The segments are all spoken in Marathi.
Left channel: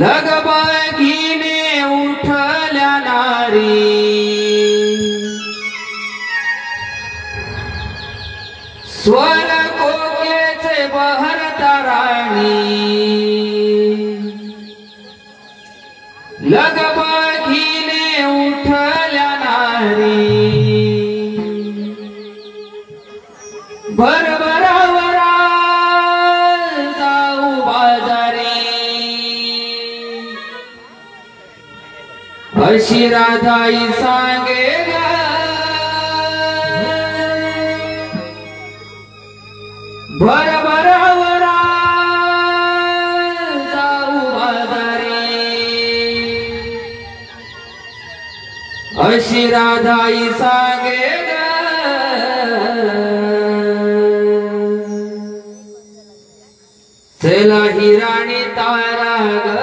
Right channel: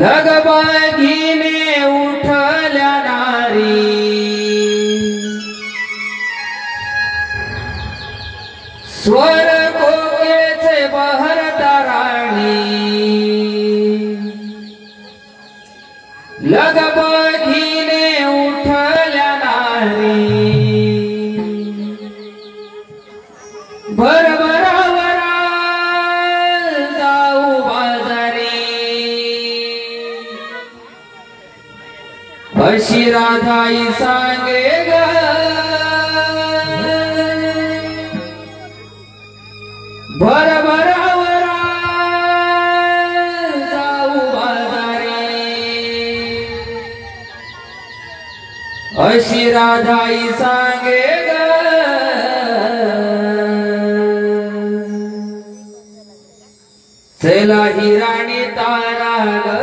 लगबगीने उठल्या नारी स्वर कोकेचे बहरता राणी लगबगीने उठल्या नारी भरभरावरा जाऊ बाजारी अशी राधाई सांगे ग भरभरावरा जाऊ बाजारी अशी राधाई सांगे ग चला ही राणी तारा ग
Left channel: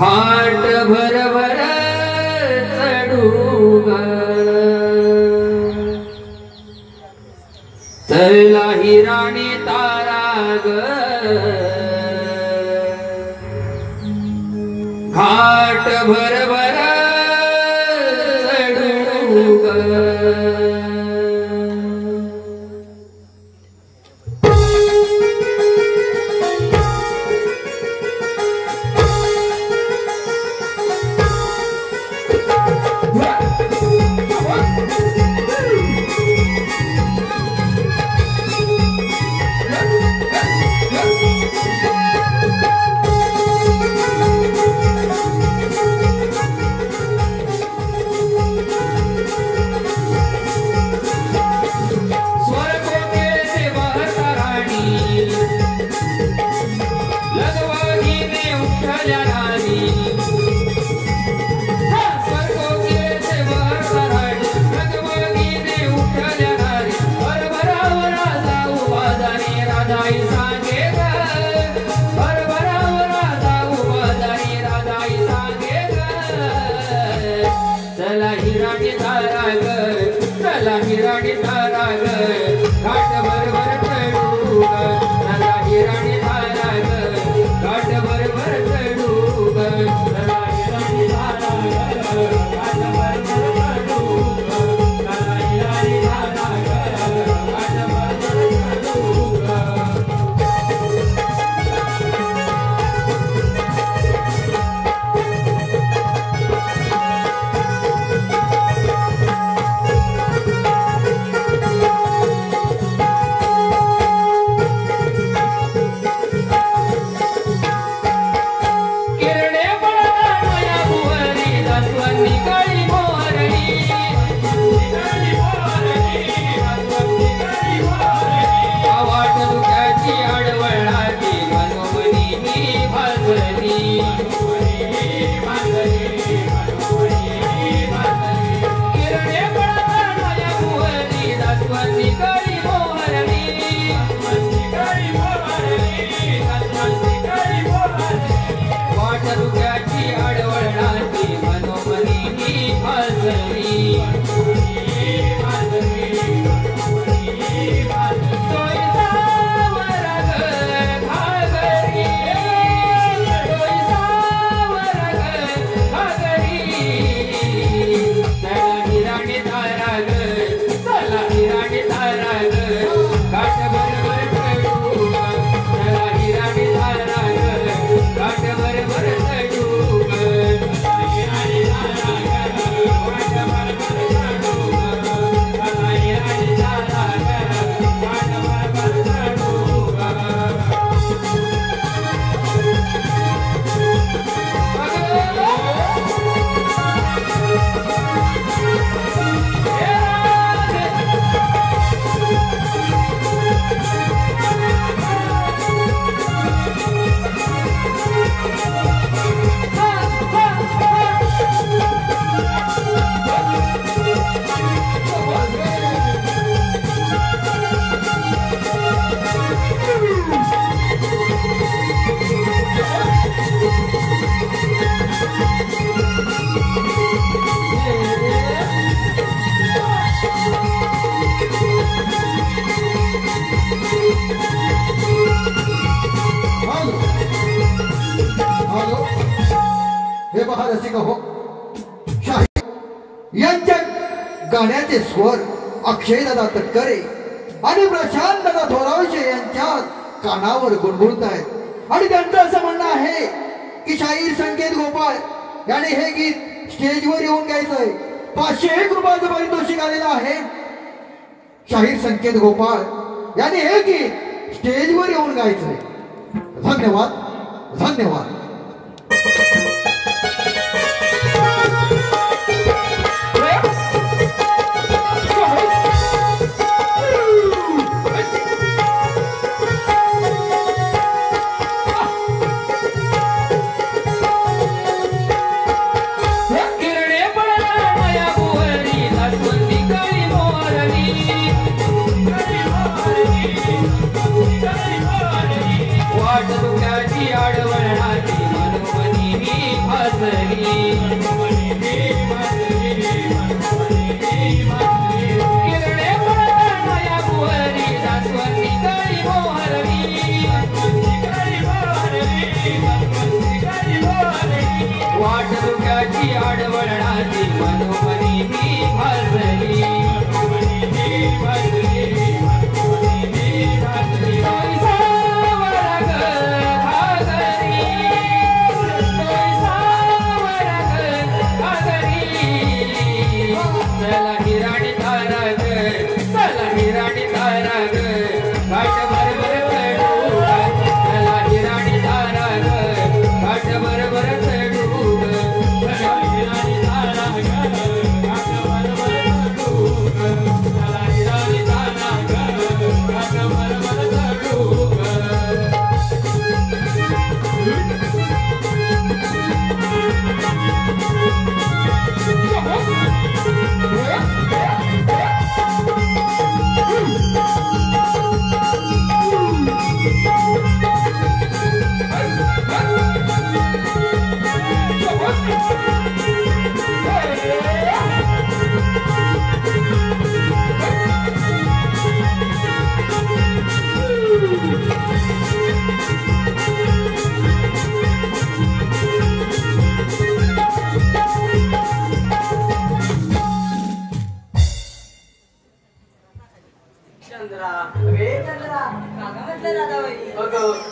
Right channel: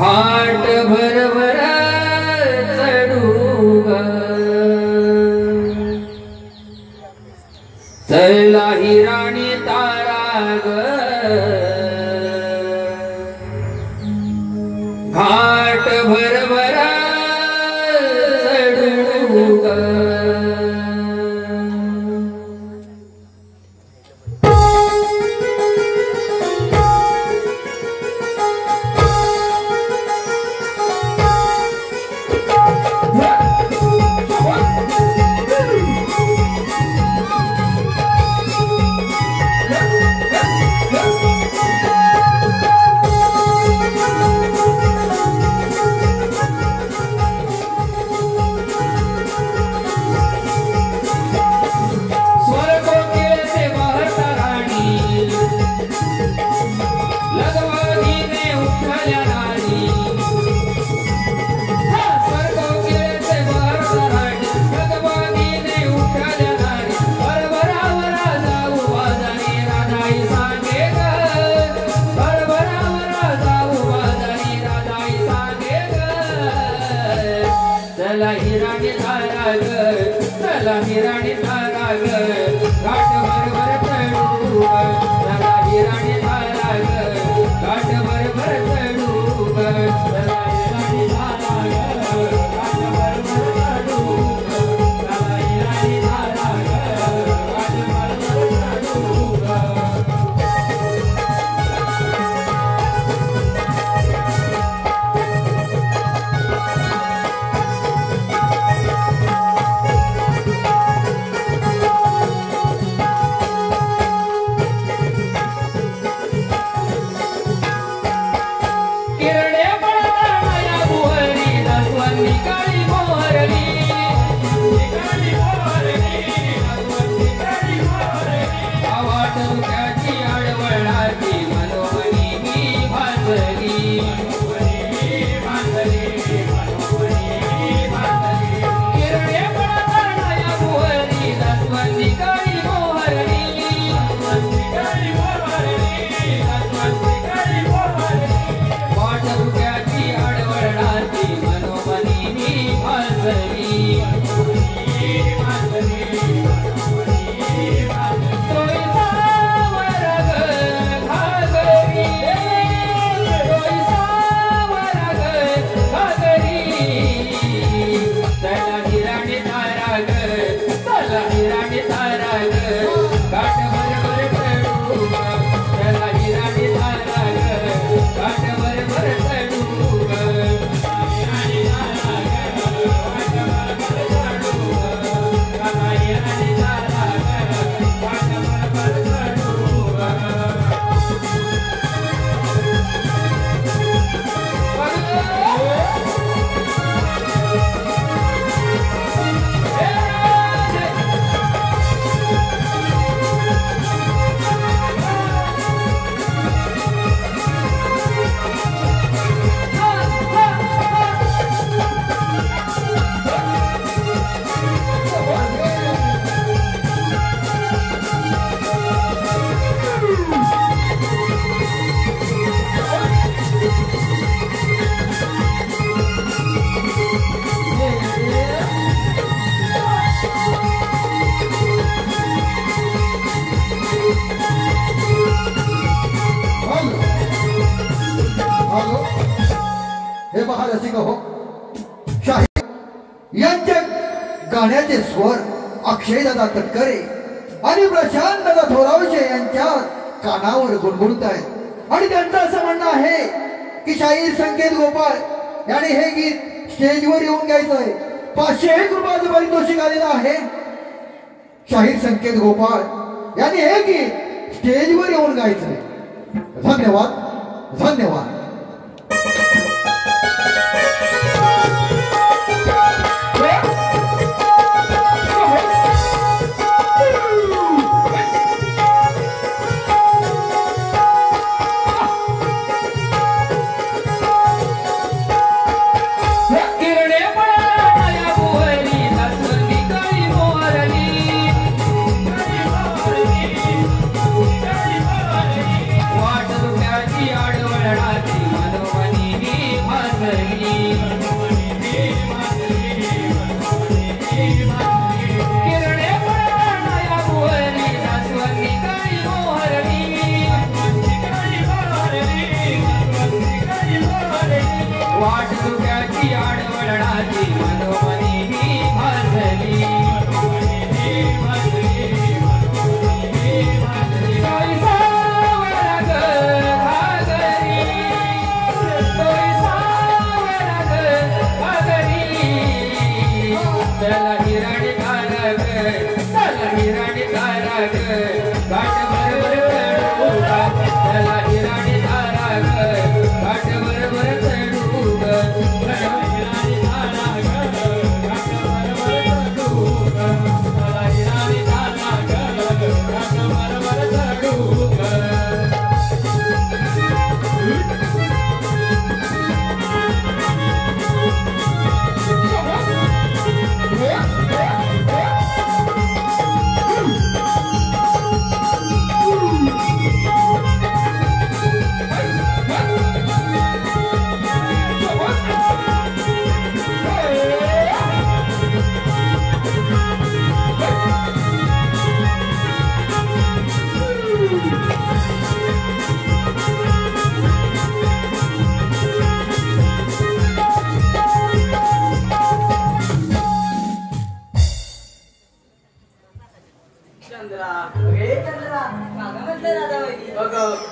घाट भरभर चढू ग चला ही राणी तारा ग घाट भरभर चढू ग चला ही राणी तारा ग चला ही राणी तारा ग घाट भरभर चढू ग चला ही राणी तारा ग घाट भरभर चढू ग चला ही राणी तारा ग घाट भरभर चढू ग चला ही राणी तारा ग घाट भरभर चढू ग रसिक हो, शाहीर यांच्या गाण्याचे स्वर अक्षयदादा तटकरे आणि प्रशांतदादा थोरावशे यांच्या कानावर गुणगुणत आहेत. आणि त्यांचं असं म्हणणं आहे की शाहीर संकेत गोपाळ याने हे गीत स्टेजवर येऊन गायचं आहे. 501 रुपयाचं पारितोषिक आलेलं आहे. शाहीर संकेत गोपाळ याने हे गीत स्टेजवर येऊन गायचं आहे. धन्यवाद धन्यवाद.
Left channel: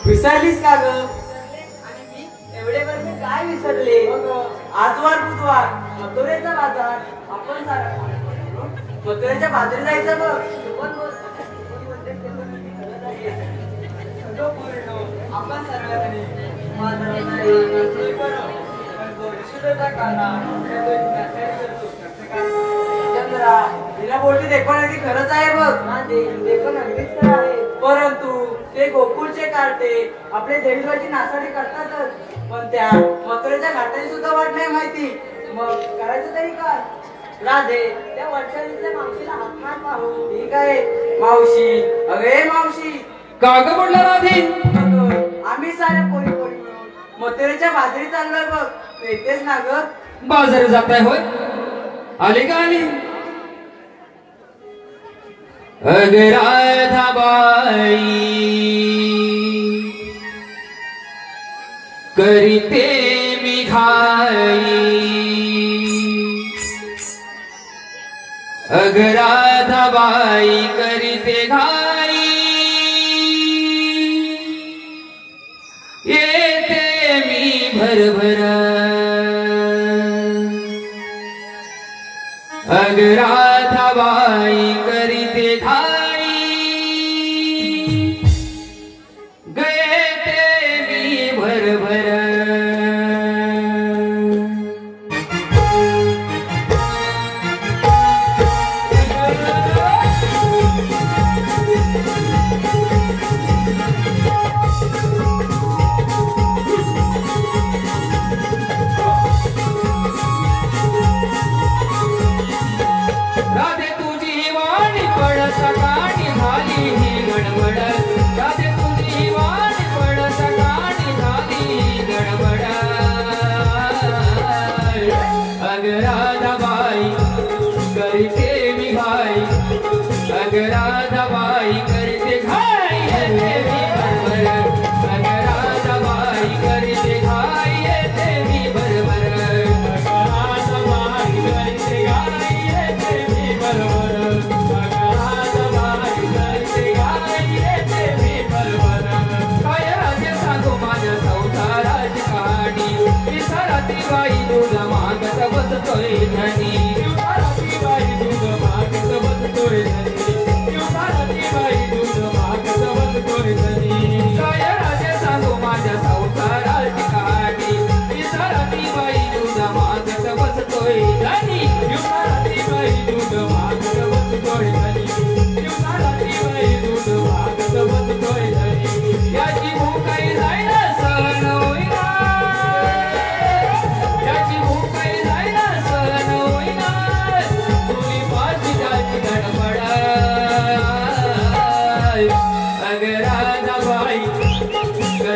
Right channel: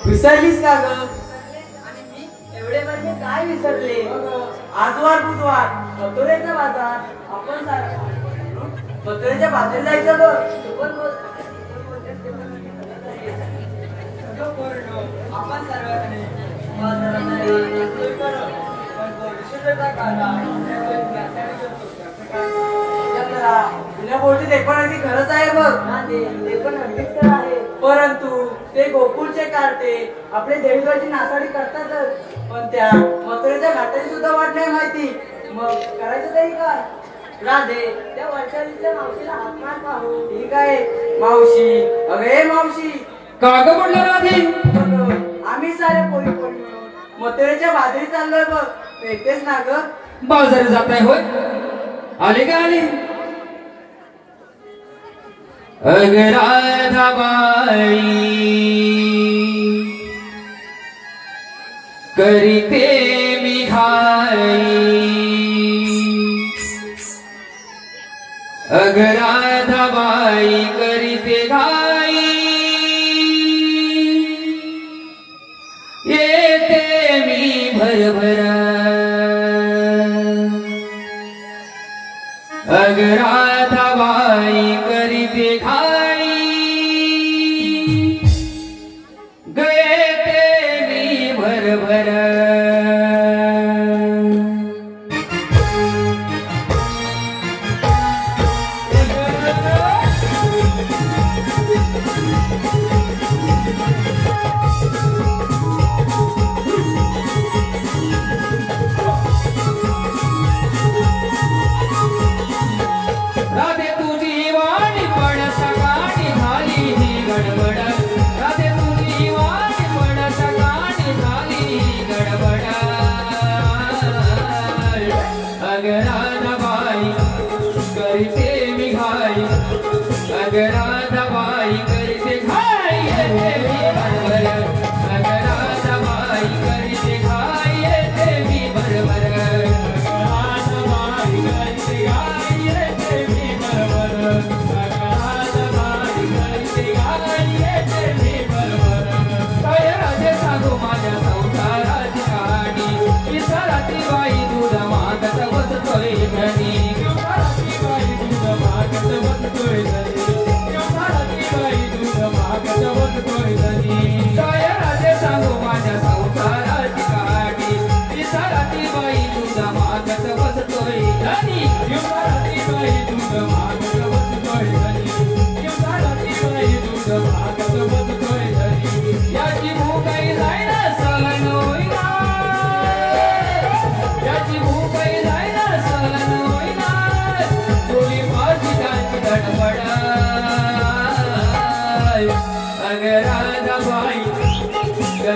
विसरलीस का ग? आणि मी एवढे वर्ष काय विसरले? आजवार बुधवार मथुरेचा बाजार. आपण मथुरेच्या बाजारात जायचं बघ. आपण सर्वांनी खरंच आहे बघ. ते पण अगदीच आहे. परंतु ते गोकुळचे कार्टे आपले जैवाची नासाडी करतातच. पण त्या मथुरेच्या घाटाची सुद्धा वाट नाही माहिती. मग करायचं तरी काय? राधे त्या वर्षाच्या मावशीला हात पाहू. ठीक आहे मावशी. अगे मावशी का ग म्हणलं राधे? आम्ही सारे पोरी पडलो मथुरेच्या बाजरीचा अंगळ बघ. येतेच ना ग? बाजारात जाताय होय? आली का आली? अगर राधाबाई करीते मी घाई. अगर राधाबाई करीते घाई येते मी भरभरा. अगर राधाबाई करीते घाई गए ते मी भरभरा.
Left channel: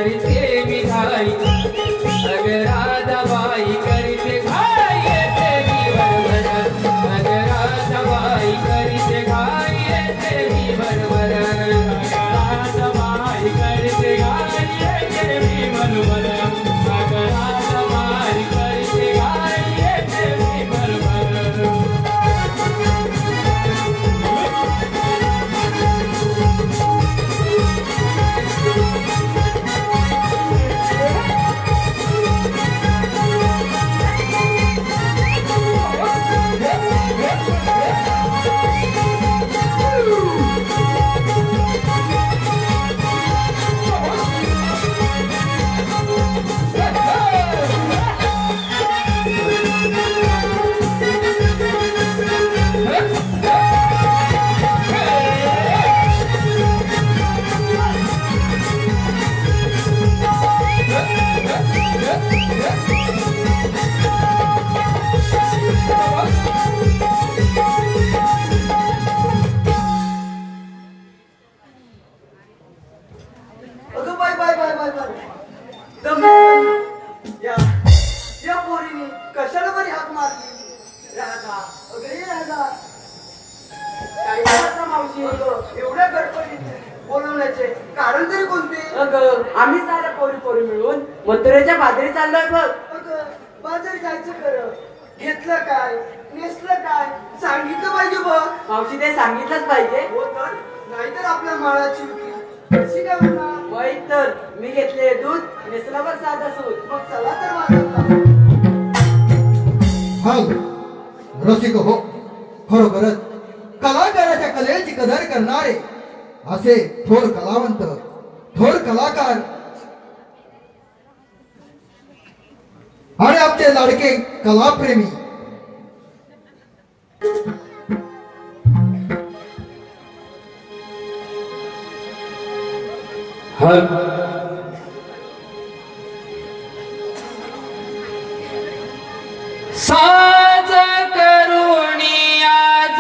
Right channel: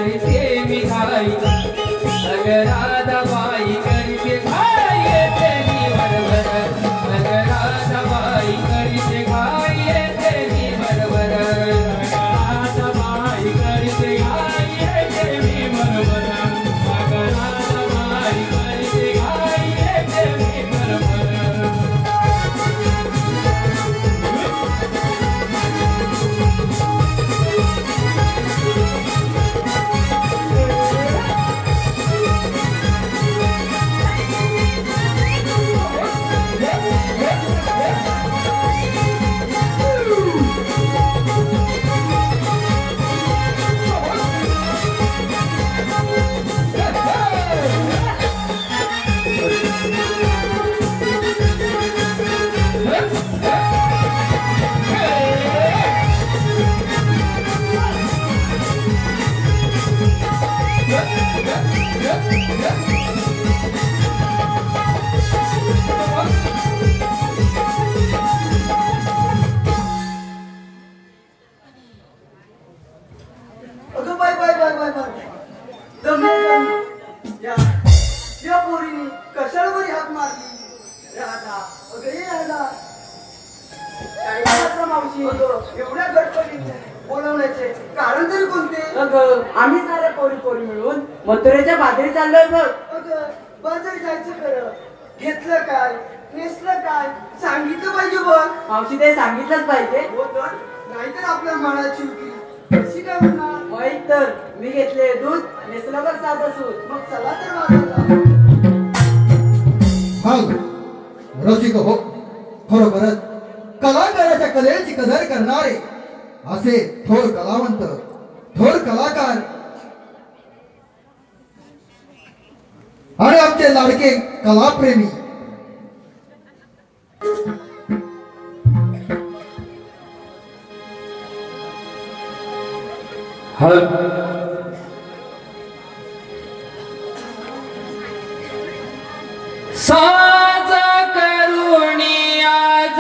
करते मिठाई अग राधाबाई करते घाई येते मी बरोबर अग राधाबाई करते घाई येते मी बरोबर राधाबाई करते घाई येते मी बरोबर अग राधाबाई करते घाई येते मी बरोबर अगं bye bye bye bye bye या पोरीने कशाला बरी हाक मारली राधा अगं ये राधा काय मावशी एवढ्या गडबडीने बोलवण्याचे कारण तरी कोणते अगं आम्ही साऱ्या पोरी पोरी मिळून मथुरेच्या बाजरी चाललोय बघ अगं बाजारी जायचं खरं घेतलं काय नेसलं काय सांगितलं पाहिजे बघ मावशी ते सांगितलंच पाहिजे हो तर नाहीतर आपल्या मनाची विक्री कशी काय होणार माहित तर मी घेतले दूध नेसल्यावर साधा सूत मग चला तर माझं रसिक हो खरोखरच कलाकाराच्या कलेची कदर करणारे असे थोर कलावंत थोर कलाकार आणि आमचे लाडके कलाप्रेमी साज करुणी आज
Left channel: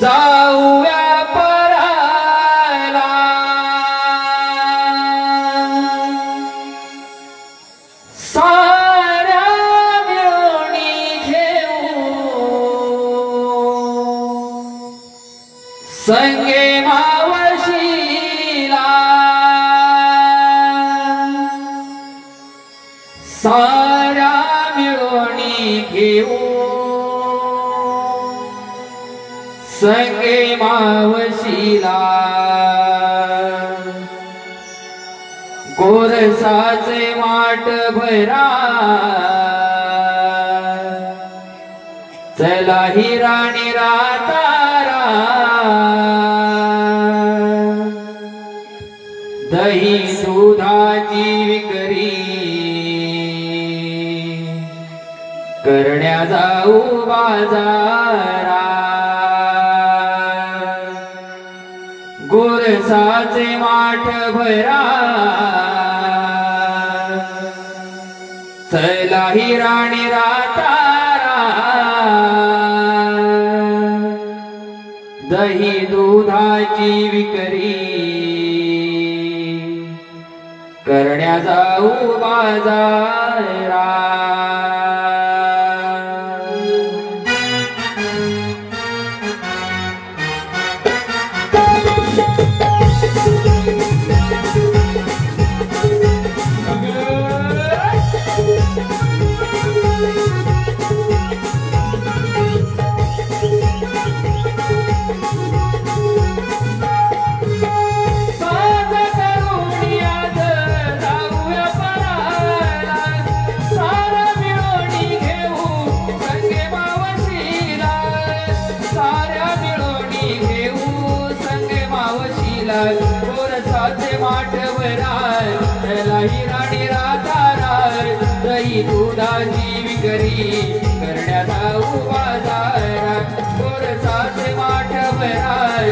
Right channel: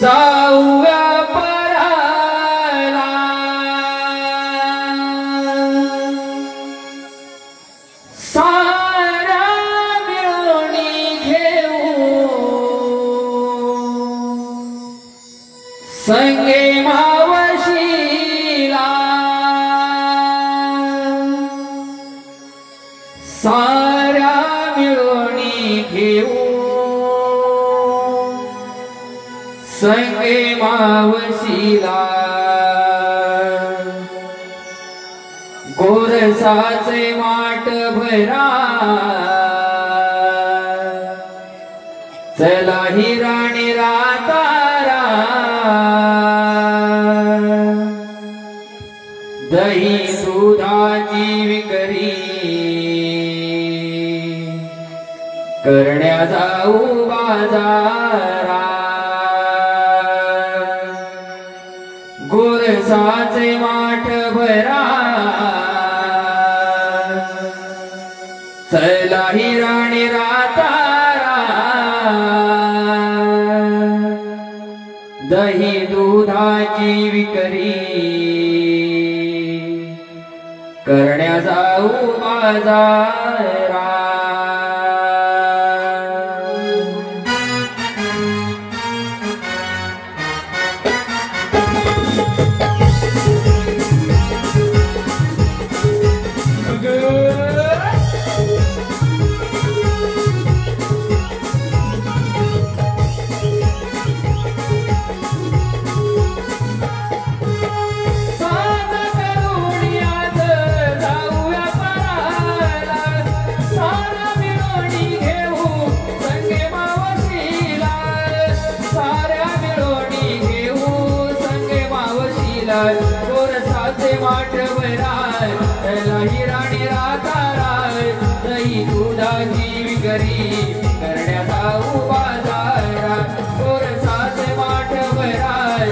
जाऊया पराला साऱ्या मिळूनी घेऊ संगे मावशीला साऱ्या मिळूनी घेऊ संगे मावशीला गोरसाचे माठ भरा चला ही राणी रातारा दही दुधाची विकरी करण्या जाऊ बाजारा गोरसाचे माठ भरा चला ही राणी रातारा दही दुधाची विकरी करण्या जाऊ बाजारा गोरसाचे माठ भराय ही राणी राताराय दही दुधाची विकरी करण्या जाऊ बाजारात गोरसाचे माठ भराय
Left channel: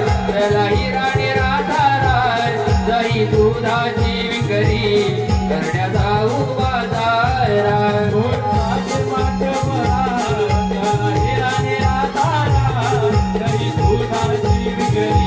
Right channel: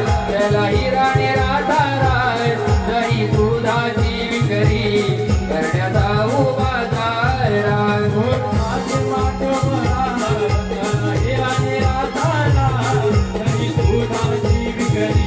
ही राणी राताराय दही दुधाची विकरी करण्या जाऊ बाजारात गोरसाचे माठ भराय ही राणी राताराय दही दुधाची विकरी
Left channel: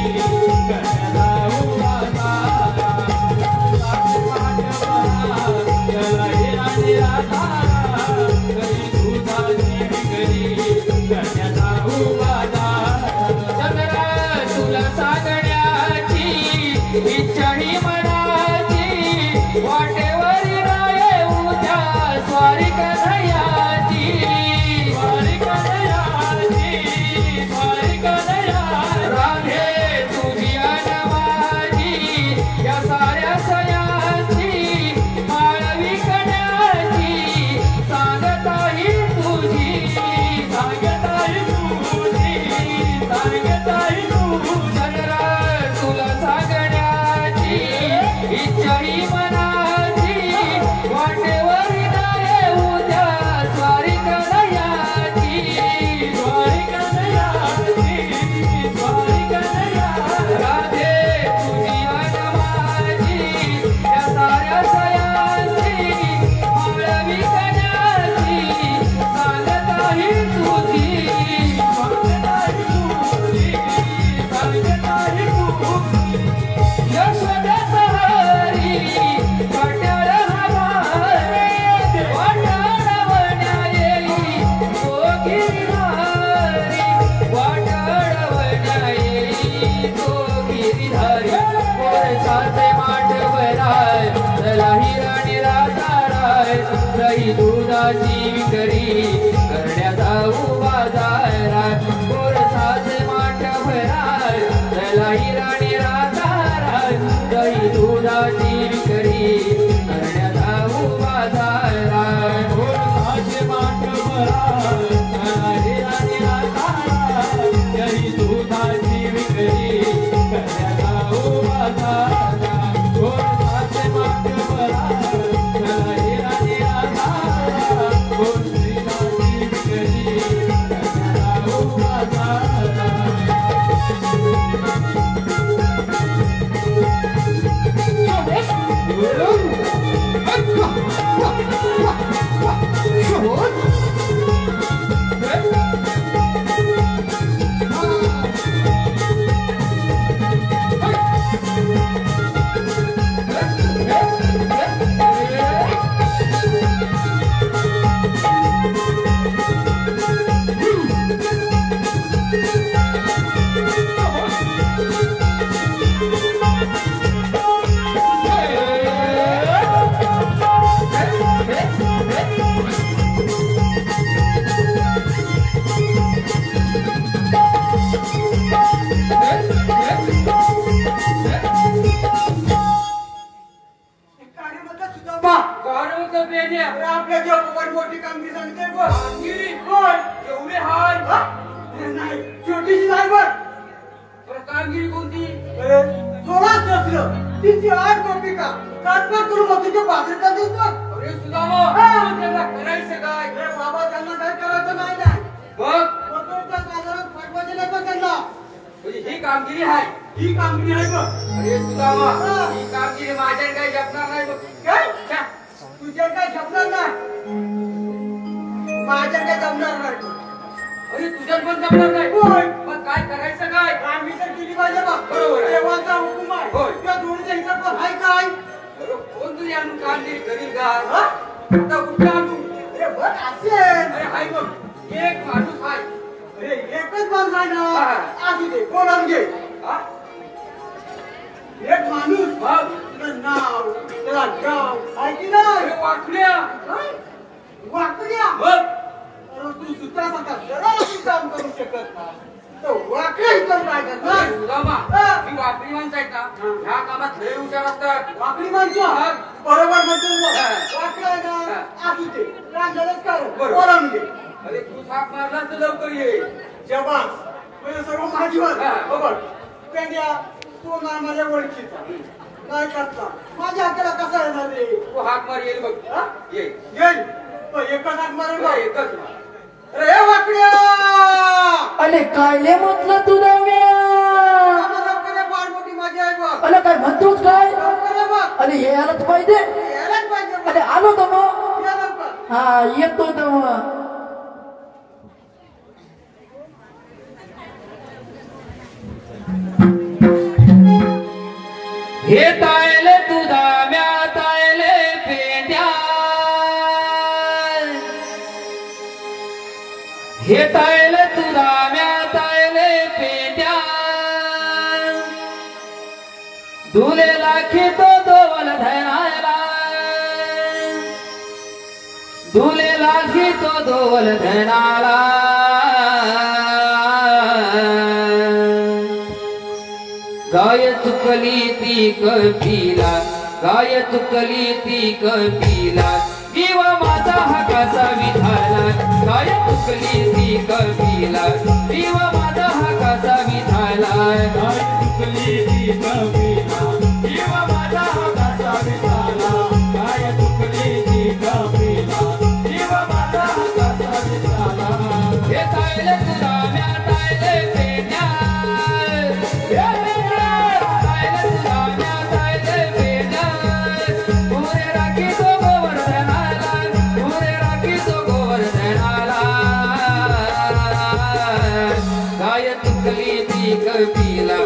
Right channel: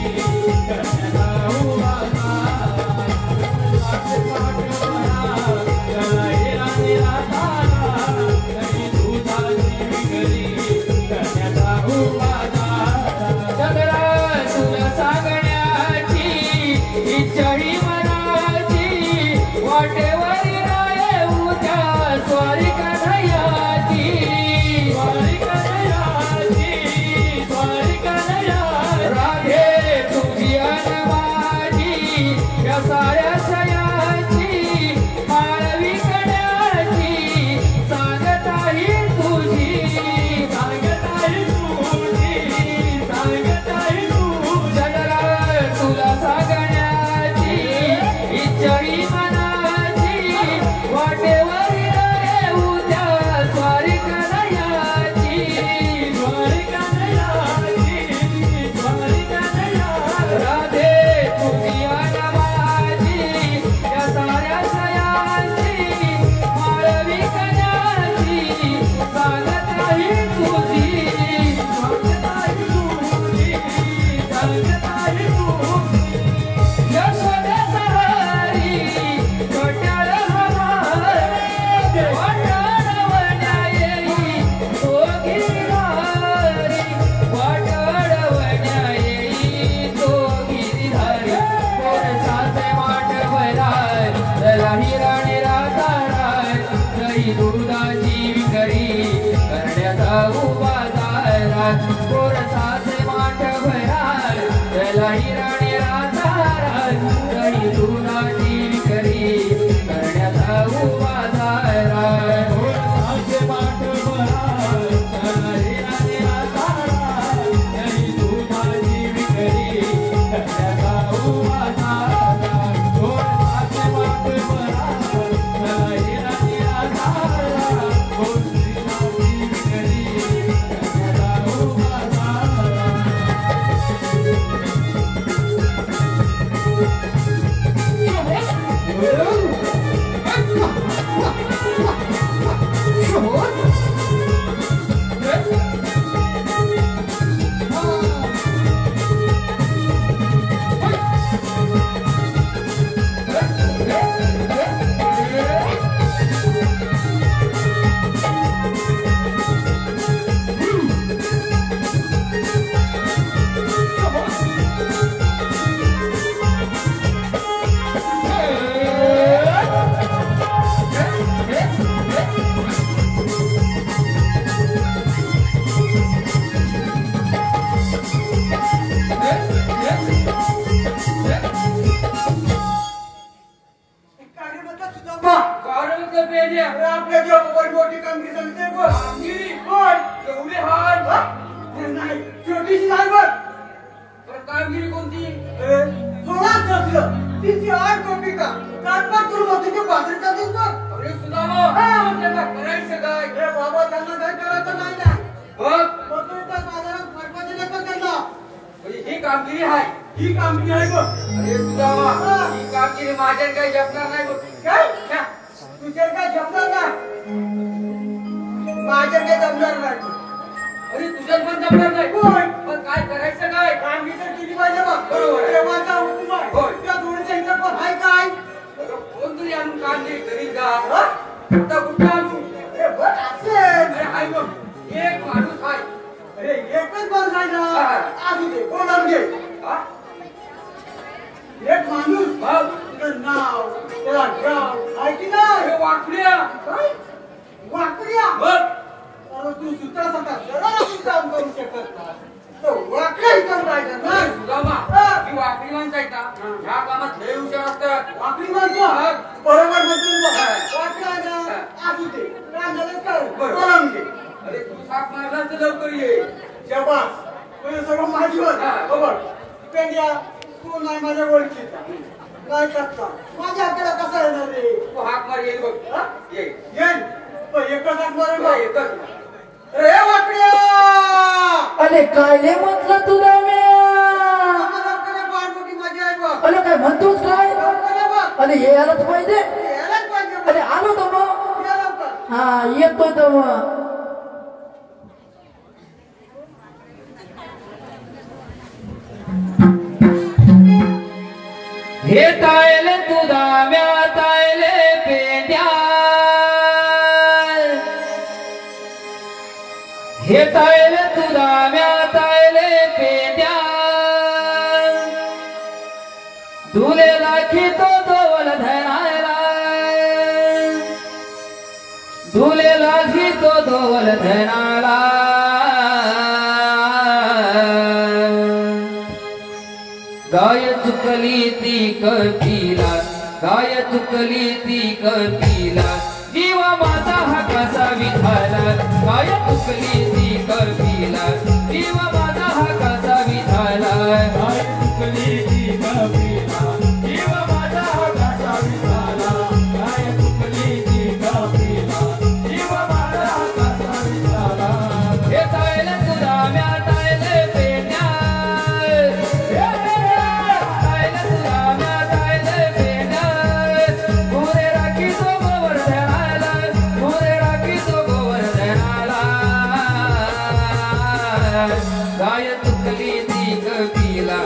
कपिला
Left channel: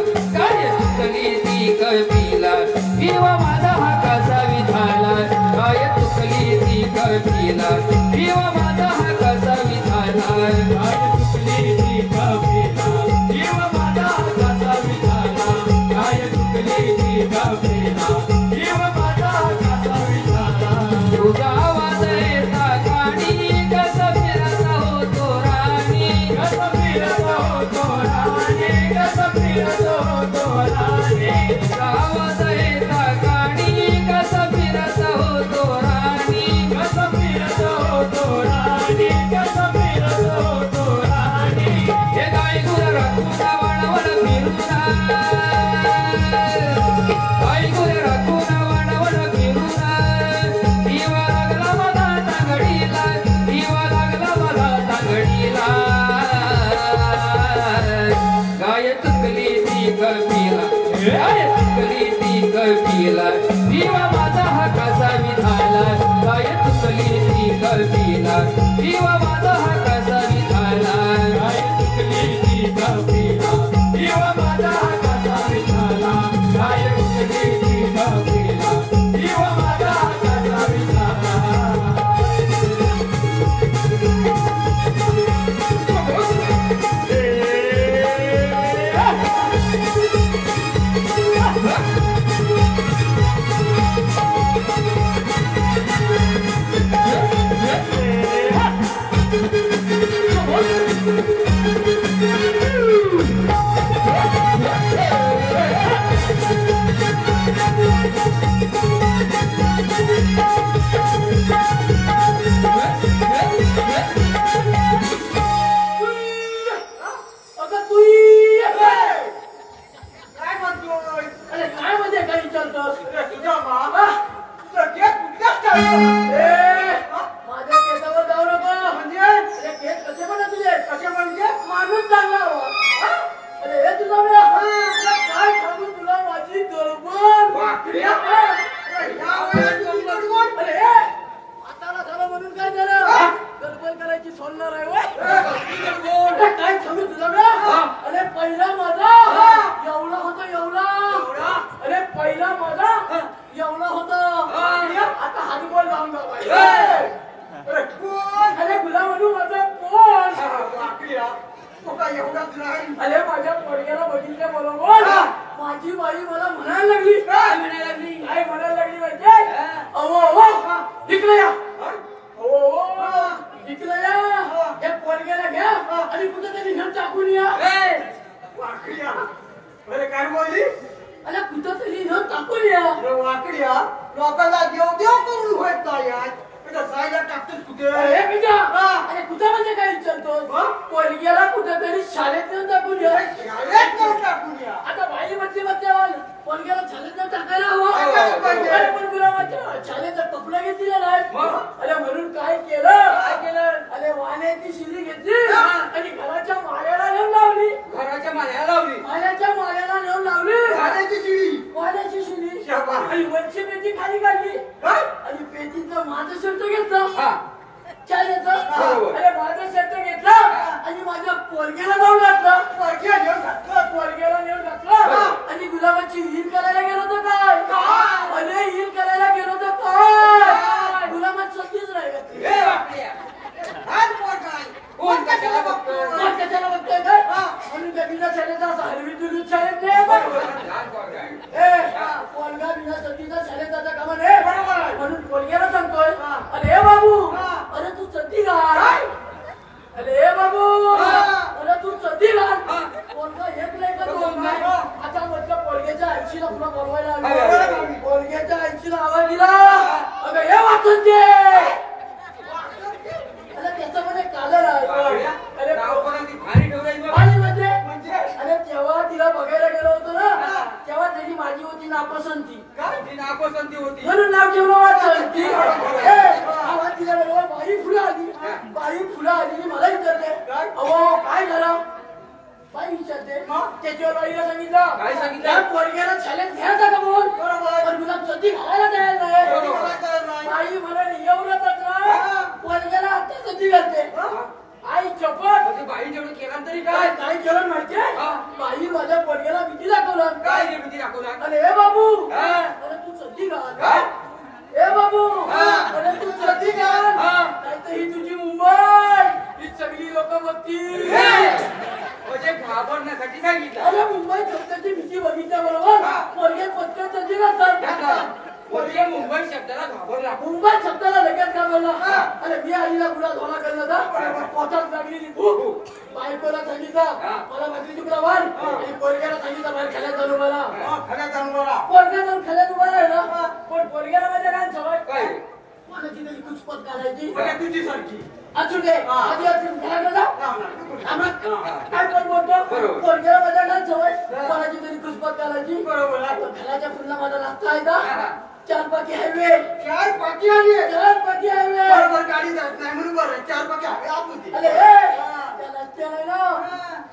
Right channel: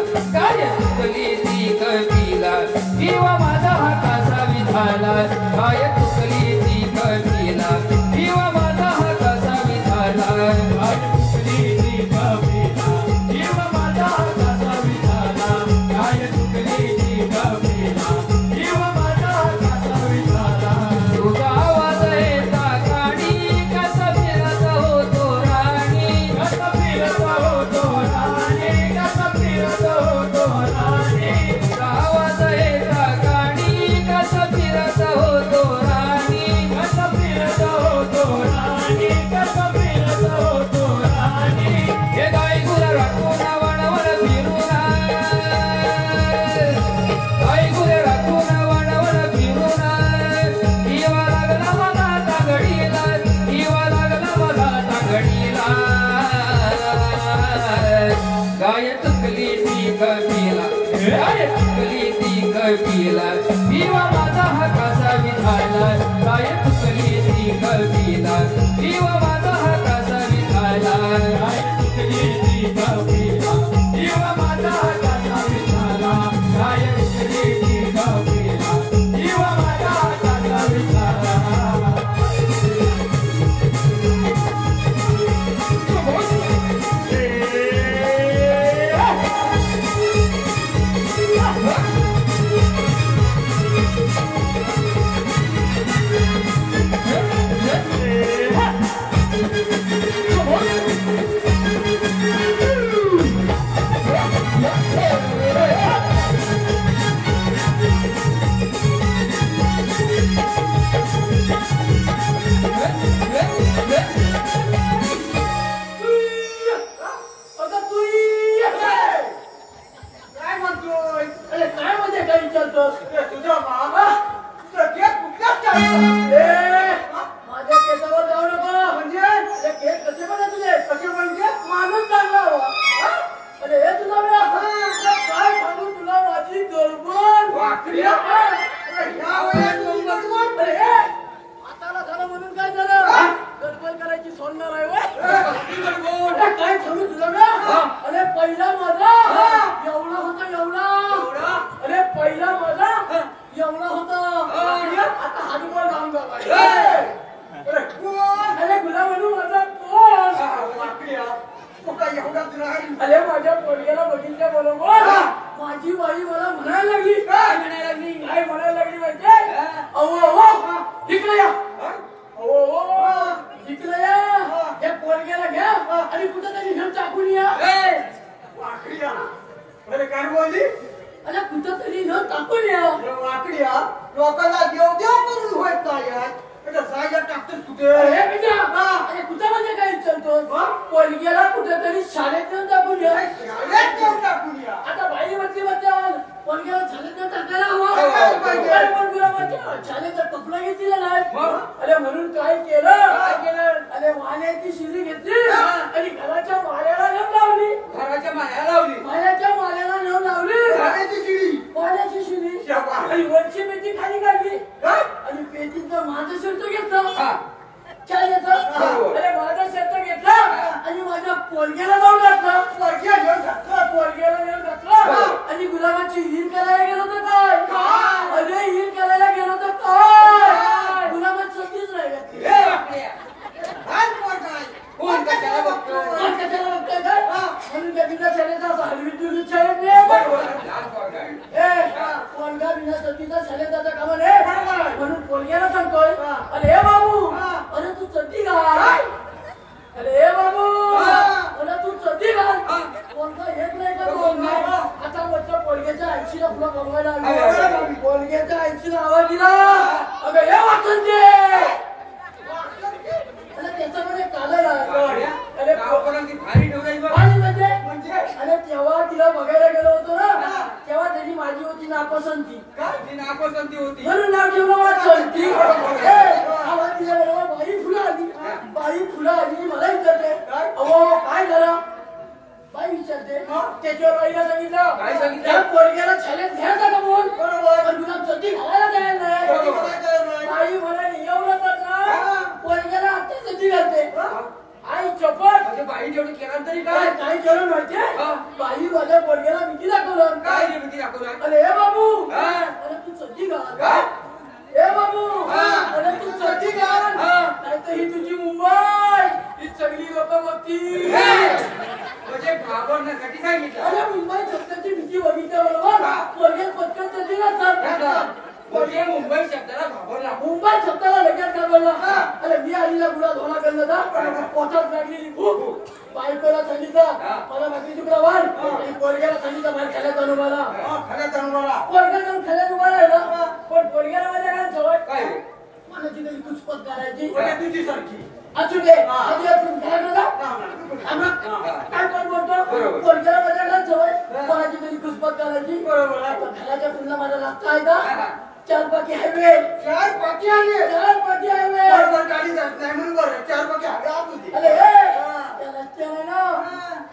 काय चुकली ती कवीला विवा माझा हा कसा विझाला काय चुकली ती कवीला विवा माझा हा कसा विझाला काय चुकली ती कवीला विवा माझा हा कसा विझाला काय चुकली ती कवीला विवा माझा हा कसा विझाला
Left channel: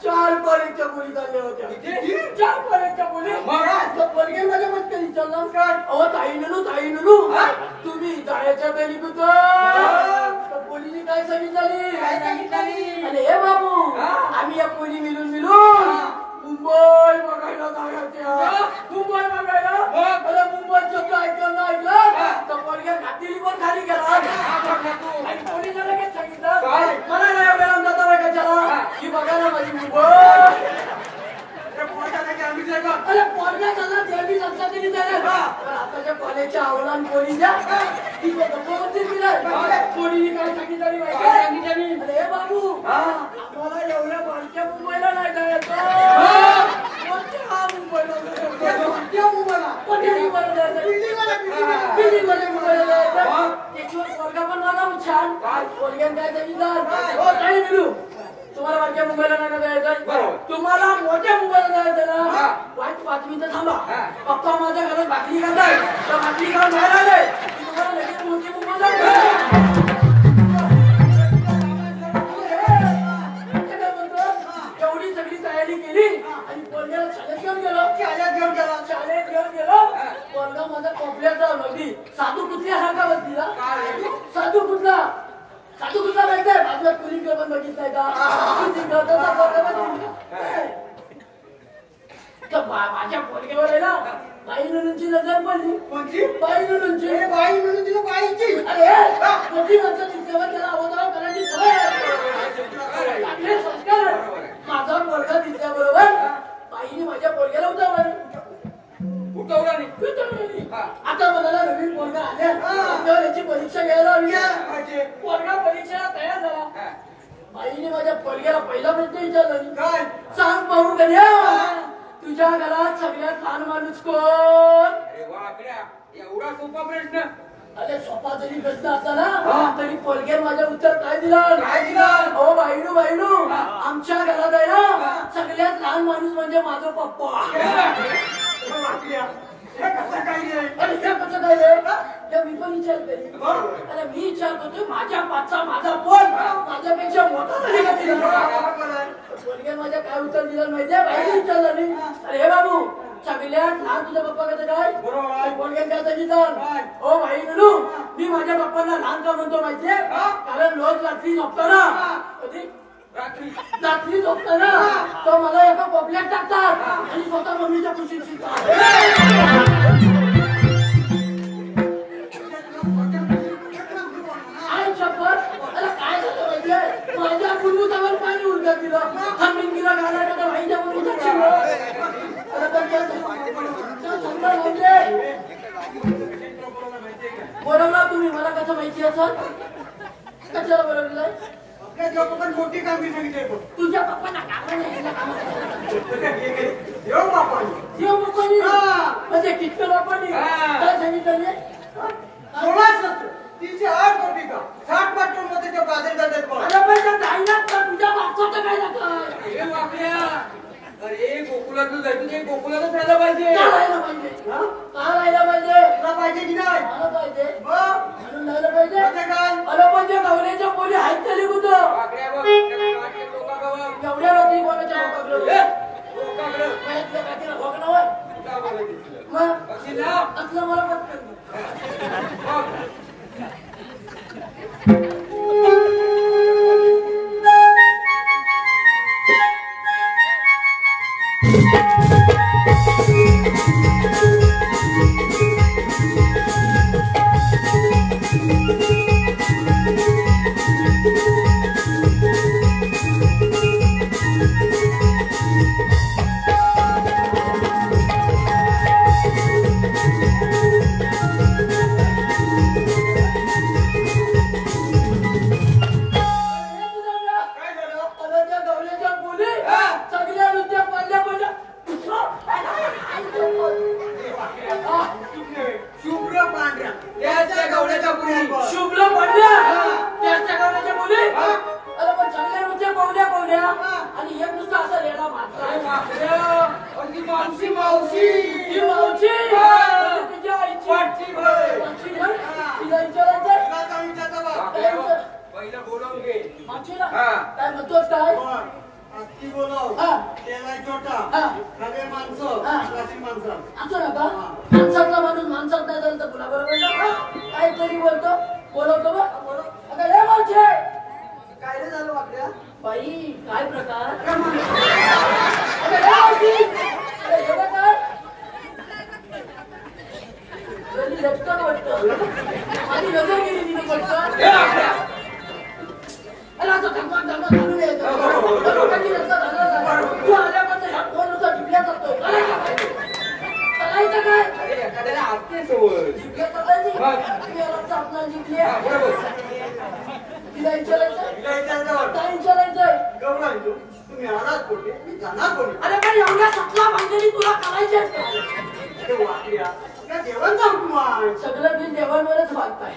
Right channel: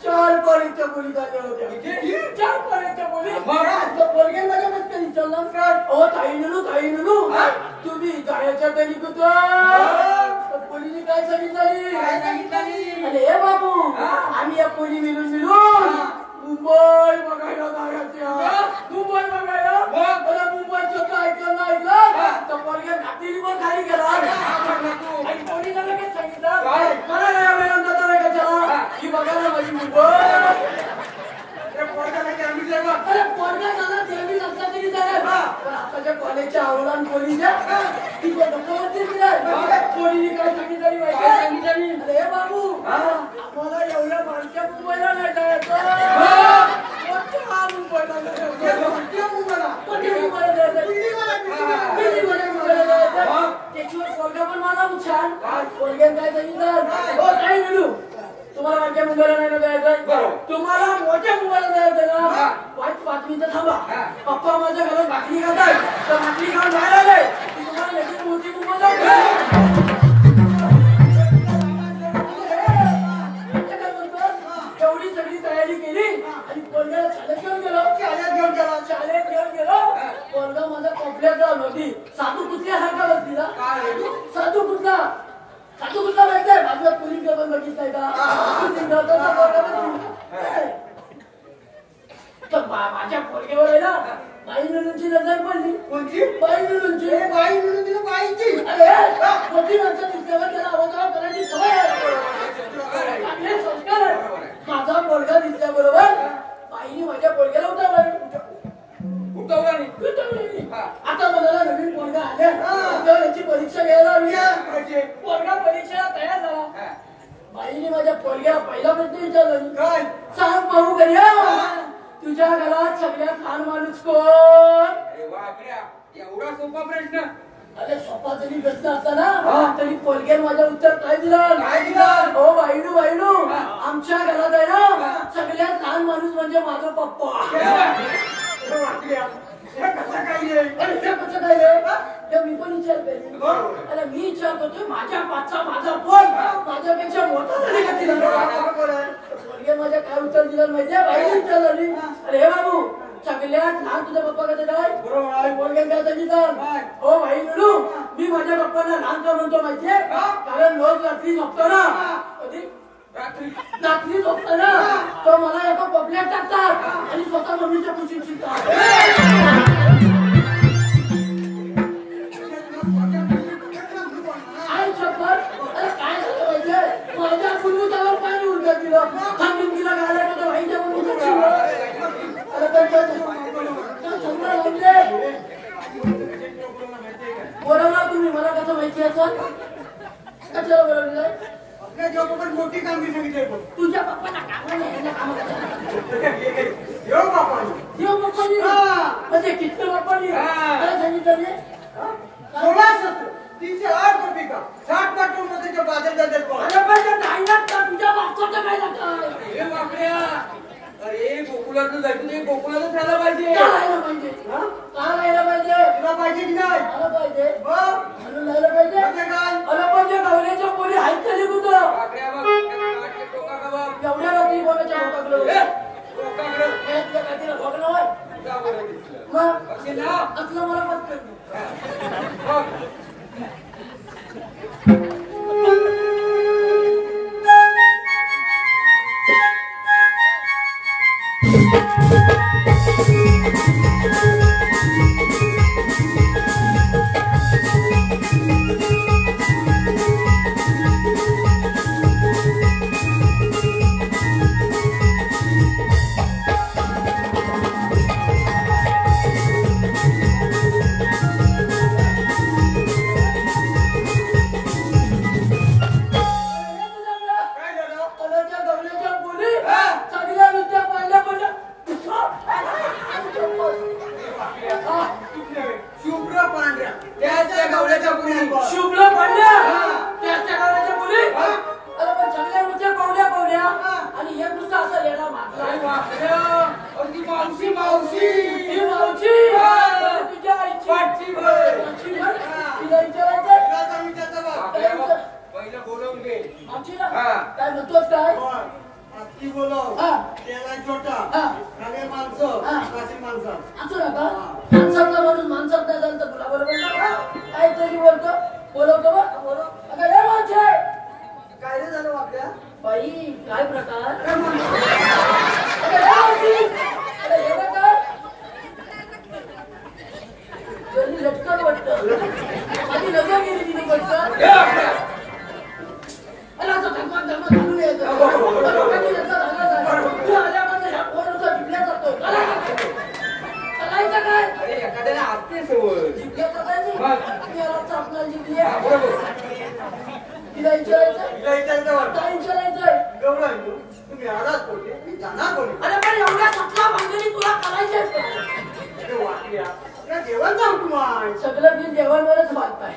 चार कॉलेजच्या मुली झाल्या होत्या. चार कॉलेजच्या मुली ओ ताई नुनू तुम्ही जायच्या तरी कुठं पोलीने काय सांगितलं अरे हे बाबू आम्ही या पोली मिळून मुंबई बघायला मुंबई बघायला मला मुंबईचं काय ऐकलं तर पोरग्या घाटीली पण खाली गेला आणि पोलीला लगेच सांगितलं मला काय एवढ्या अंदाजा वाटायचा ही बघायला माझी मुंबई अरे पोरगा झाला देवी लक्षात तरी आताच्या कॉलेजच्या आवडण पोलीच्या ती डोक्यावरती दिलाय पोलीने काय सांगितलं माहिती अरे बाबू आम्हाला एवढ्या बारक्या मुंबईला नाही जायचं मुंबईला पोरगा पण मला छान पोरग्याने काय सांगितलं हो काही मिळू तुम्हाला माझ्या मुंबईला नाही जायचं तुम्हाला मोठ्या मुंबईला जायचं ना वाईट बातमी तर थांबा पप्पा माझ्या घरात भाकरी खाताय तर भाकरी खाऊन बाहेर आले की तुम्हाला लगेच मोठी मुंबई एवढी सगळी तयारी केली आणि पोरग्याला शाळेत घेऊन गेलो पोरगा माझा कॉम्प्लेक्स होती साधू कुठल्यासारखा बसलीला साधू कुठला माहिती आहे माझ्या पोलीस पण बघितलंय का माझ्या पोरगेवर आहे ना बाई नुनूंची नजर पडली कोणती बाई नुनूंची बाईची अरे मोठी माणसं दिसल्यावर त्याला अवतार करायची सवय चांगले संस्कार माझा पोरगा दिसल्याबरोबर बाईने माझ्या पोरग्याला उठवला नाही आता मला नवीन पोरगा आल्या याची परीक्षा घ्यायला हवी पोरगा परीक्षेला तयार झाला बाईने माझ्या पोरग्याला पहिला प्रश्न विचारला सांग भाऊ कन्या तुझ्या घरात सगळ्यात लहान माणूस कोण एवढा सोपा प्रश्न अरे सोपा जरी प्रश्न असला ना तरी पोरग्याने माझं उत्तर काय दिलं हो बाईनू आमच्या घरात आहे ना सगळ्यात लहान माणूस म्हणजे माझा पप्पा अरे हे कसं काय रे मी पण विचार केली अरे मी विचार करतोय माझ्या पाचचा माझा पोट माझ्यापेक्षा मोठा झाली का तिला पोरगे माझ्या काय उत्तर दिलं माहितीये बाई विचारलं नाही अरे हे बाबू सगळ्यात लहान तुझ्या पप्पा कसं काय पोरगे काय सांगितलं हो भाई म्हणू मी माझ्या पप्पांना लहान का म्हणतो माहितीये कारण रोज रात्री झोपतो ना रात्री झोपतो ना तो मला एका कोपऱ्यात टाकतात आणि स्वतः मम्मीच्या कुशीत शिकतात काय झालं पाहिजे माझ्या कुंडूच्यावर पाणी उलट्या दिलं खांबीन दिला गाड्या का भाईच्या मुलीच्या बरोबर तुम्ही मला कसं माहिती असं कशाला बरोबर मोठी कामगिरी सांगितली तुझ्या पप्पाला काम नाही म्हणजे कितकं बापानी काय सांगितलं तिचे 8 कोटी का 60 पाटून मध्ये बाजार जातात तुझ्या बापचं काय जात अरे गोकुळातून जायचं नाही गोकुळातच राहायला पाहिजे राहायला पाहिजे की नाही आलं पाहिजे म्हणून राहायला पाहिजे आलं पाहिजे गवऱ्याच्या पोरी आहेत तरी कुठं एवढ्या रात्री कोणाच्या भोगणं होय मग असलं मला मत शुभ्र पांड्या त्याच्या गावाच्या मुली अरे पण चांगल्या नृत्य पाहुण्या आणि एक नुसतं असं लेणा मावशी तुझ्या आईची तिला विचारायचं पहिलं बोलवून घे मावशीला काय म्हणतोस काय ती बोलाव त्याला छोटा खाली माणसं माणसं असं नका माणसातला माणूस माणसात नाही काहीतरी बोलतो बोलवतो बा बोलव अगं हे मावशे काय रे झालं वाकड्या बाई काय प्रकार अरे मग अगं हे मावशी अरे हे काय जरी लटकन वाटतं आधी लग्न गेली तिने पटकन अरे आता थांबून यायचं लोकांची लग्न झालं तू आल्यापासून ह्या पोरनुसार जिंकल्या जातोय चालायचं काय अरे एखाद्याला असते सवय. जिंकल्या चालायची मी याला चापणार जिंकली तिला विचारायचं काय विचारायचंय गौरव तुम्ही येणार कोणी मी जाणार कोणी अरे पण एवढ्या सतला भांडणी तुला करायचे अरे वाकड्या आपल्या जेवण जाऊ तुम्हाला सगळं बिल देवांवरच मागताय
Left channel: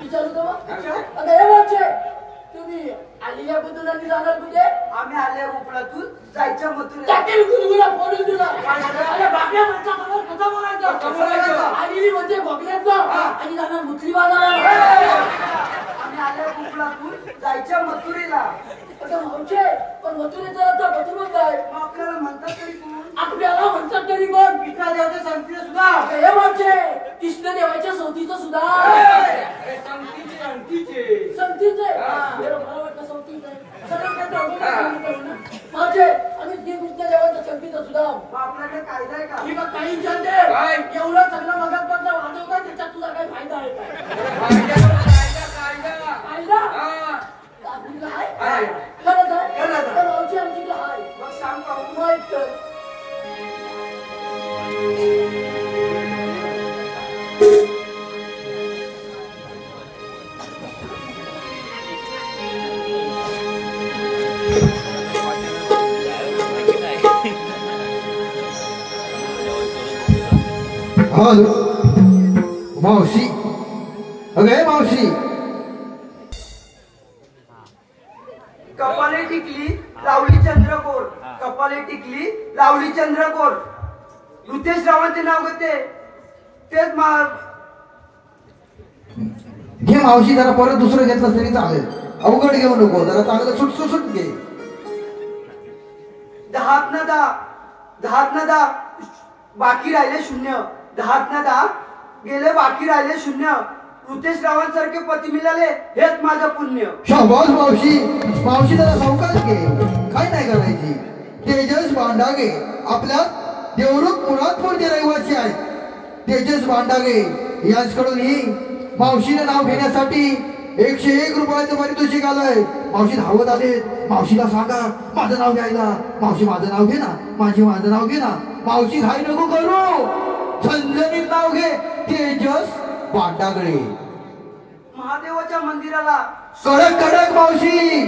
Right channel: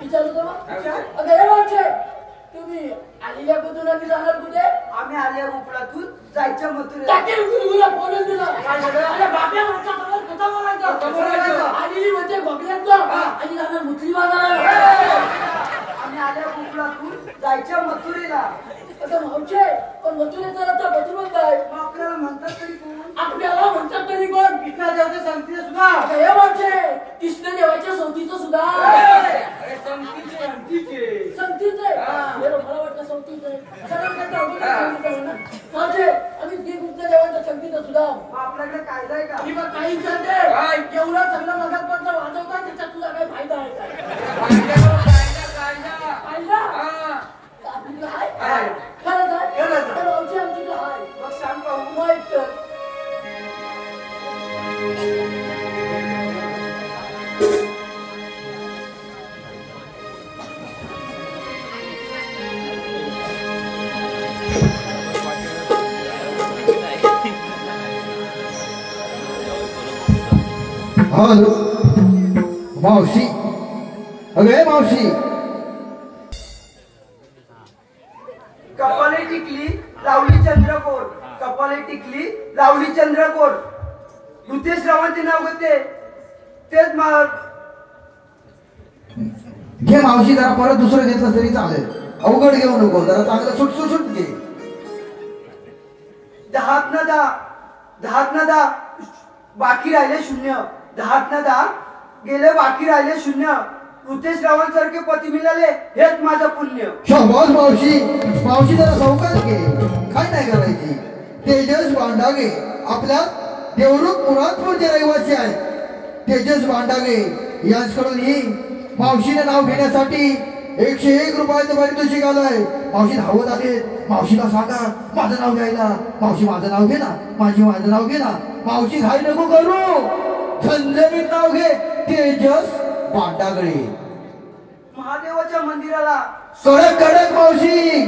विचारू तो अगं हे वाचे तुम्ही आलेल्या बद्दल आम्ही जाणार कुठे आम्ही आल्या उपलातून जायच्या मथुरेला टाकेल तुला बोलून दिला अरे बापऱ्या मागचा खबर कसा बोलायचा आलेली म्हणजे बघल्यात ना आणि जाणार मुसली बाजाराला आम्ही आल्या उपलातून जायच्या मथुरेला आता भाऊचे पण मथुरेचा आता बदलून काय मग आपल्याला म्हणतात तरी कोण आपल्याला म्हणतात तरी कोण इथला देवता सांगतील सुद्धा हे वाचे कृष्ण देवाच्या सवतीचं सुद्धा अरे संगतीचे अंतीचे. संगतीचे मला वाटतं संगतीचं आहे सगळं काय सांगितलं ना माझे आम्ही कृष्ण देवाच्या संगतीचं सुद्धा मग आपल्याकडे कायदा आहे का ही बघ काही विचारते काय? एवढं सगळं मगापर्यंत वाजवता त्याच्यात तुला काही फायदा आहे का कायदा कायदा. फायदा हा. आपलीला आहे आहे. खरंच आहे खरंच आहे. तर आमची आमचीला आहे मग सांग पाहू माहित कर हॅलो मावशी अगे मावशी कपाले टिकली लावली चंद्रकोर कपाले टिकली लावली चंद्रकोर ऋतेश रावांचे नाव होते तेच घे मावशी जरा परत दुसरं घेतलं तरी चालेल अवघड घेऊ नको जरा चांगलं सुटसुट घे दहात न दहा बाकी राहिले शून्य दहात न दहा गेले बाकी राहिले शून्य ऋतेश रावांसारखे पती मिळाले हेच माझं पुण्य शाबास मावशी मावशी जरा सावकाश घे काय नाही करायची तेजस भांडागे आपल्या देवरुख मुरादपूरचे रहिवासी आहेत तेजस भांडागे यांच्याकडून ही मावशीने नाव घेण्यासाठी 101 रुपयाचं पारितोषिक आलंय मावशी धावत आले मावशीला सांगा माझं नाव घ्यायला मावशी माझं नाव घे ना माझं नाव घे ना मावशी घाई नको करू संजनीत नाव घे तेजस भांडागळे महादेवाच्या मंदिराला कडक कडक मावशी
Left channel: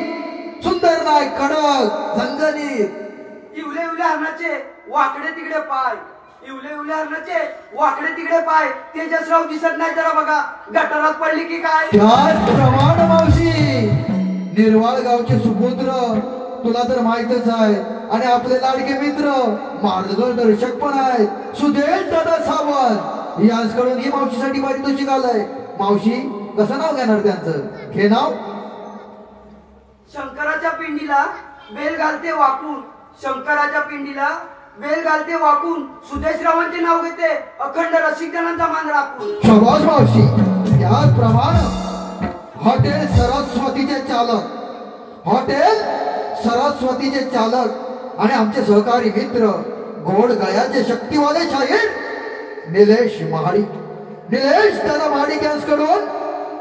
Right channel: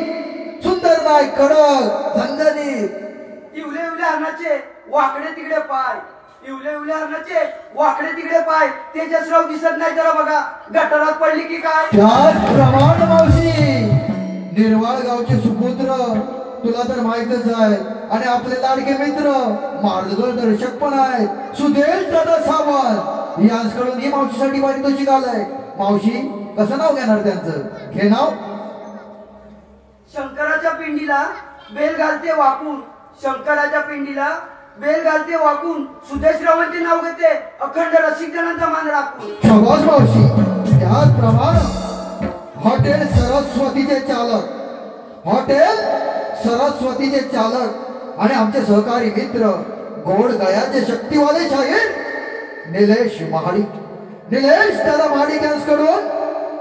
सुंदर नाही कडक झणझणीत इवले इवले हरणाचे वाकडे तिकडे पाय इवले इवले हरणाचे वाकडे तिकडे पाय तेजसराव दिसत नाही जरा बघा गटारात पडली की काय त्याचप्रमाणे मावशी निर्वाळ गावचे सुपुत्र तुला तर माहितच आहे आणि आपले लाडके मित्र मार्गदर्शक पण आहेत सुदेश दादा सावंत यांच्याकडून ही मावशीसाठी पारितोषिक आलंय मावशी कसं नाव घेणार त्यांचं हे नाव शंकराच्या पिंडीला बेल घालते वाकून शंकराच्या पिंडीला बेल घालते वाकून सुदेशरावांचे नाव घेते अखंड रसिकजनांचा मान राखून शाबास मावशी त्याचप्रमाणे हॉटेल सरस्वतीचे चालक आणि आमचे सहकारी मित्र गोड गळ्याचे शक्तिवाले शाहीर निलेश दादा महाडिक यांच्याकडून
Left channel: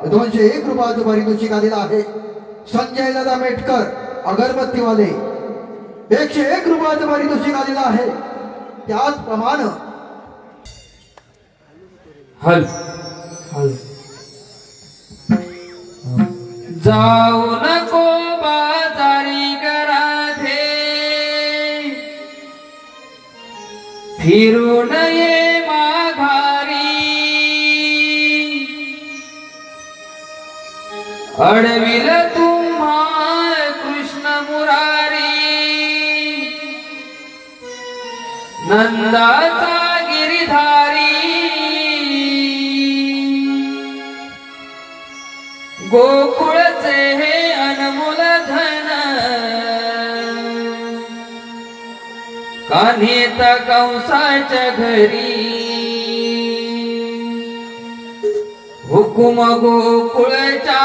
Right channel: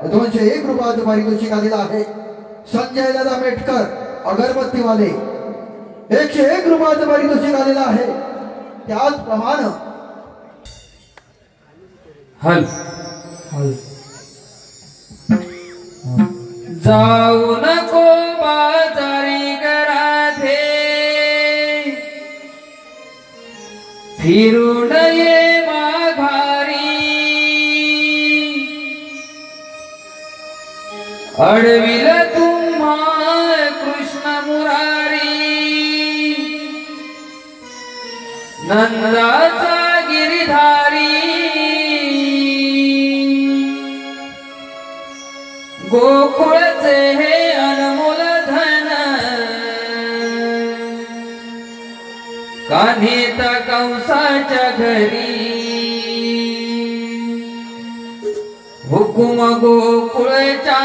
201 रुपयाचं पारितोषिक आलेलं आहे संजय दादा मेटकर अगरबत्तीवाले 101 रुपयाचं पारितोषिक आलेलं आहे त्याचप्रमाणे जाऊ नको बाजारी कराधे फिरून ये माघारी अडविल तुम्हा कृष्ण मुरारी नंदाचा गिरिधारी गोकुळचे हे अनमोल धन कान्हेत कंसाच्या घरी हुकुम गोकुळच्या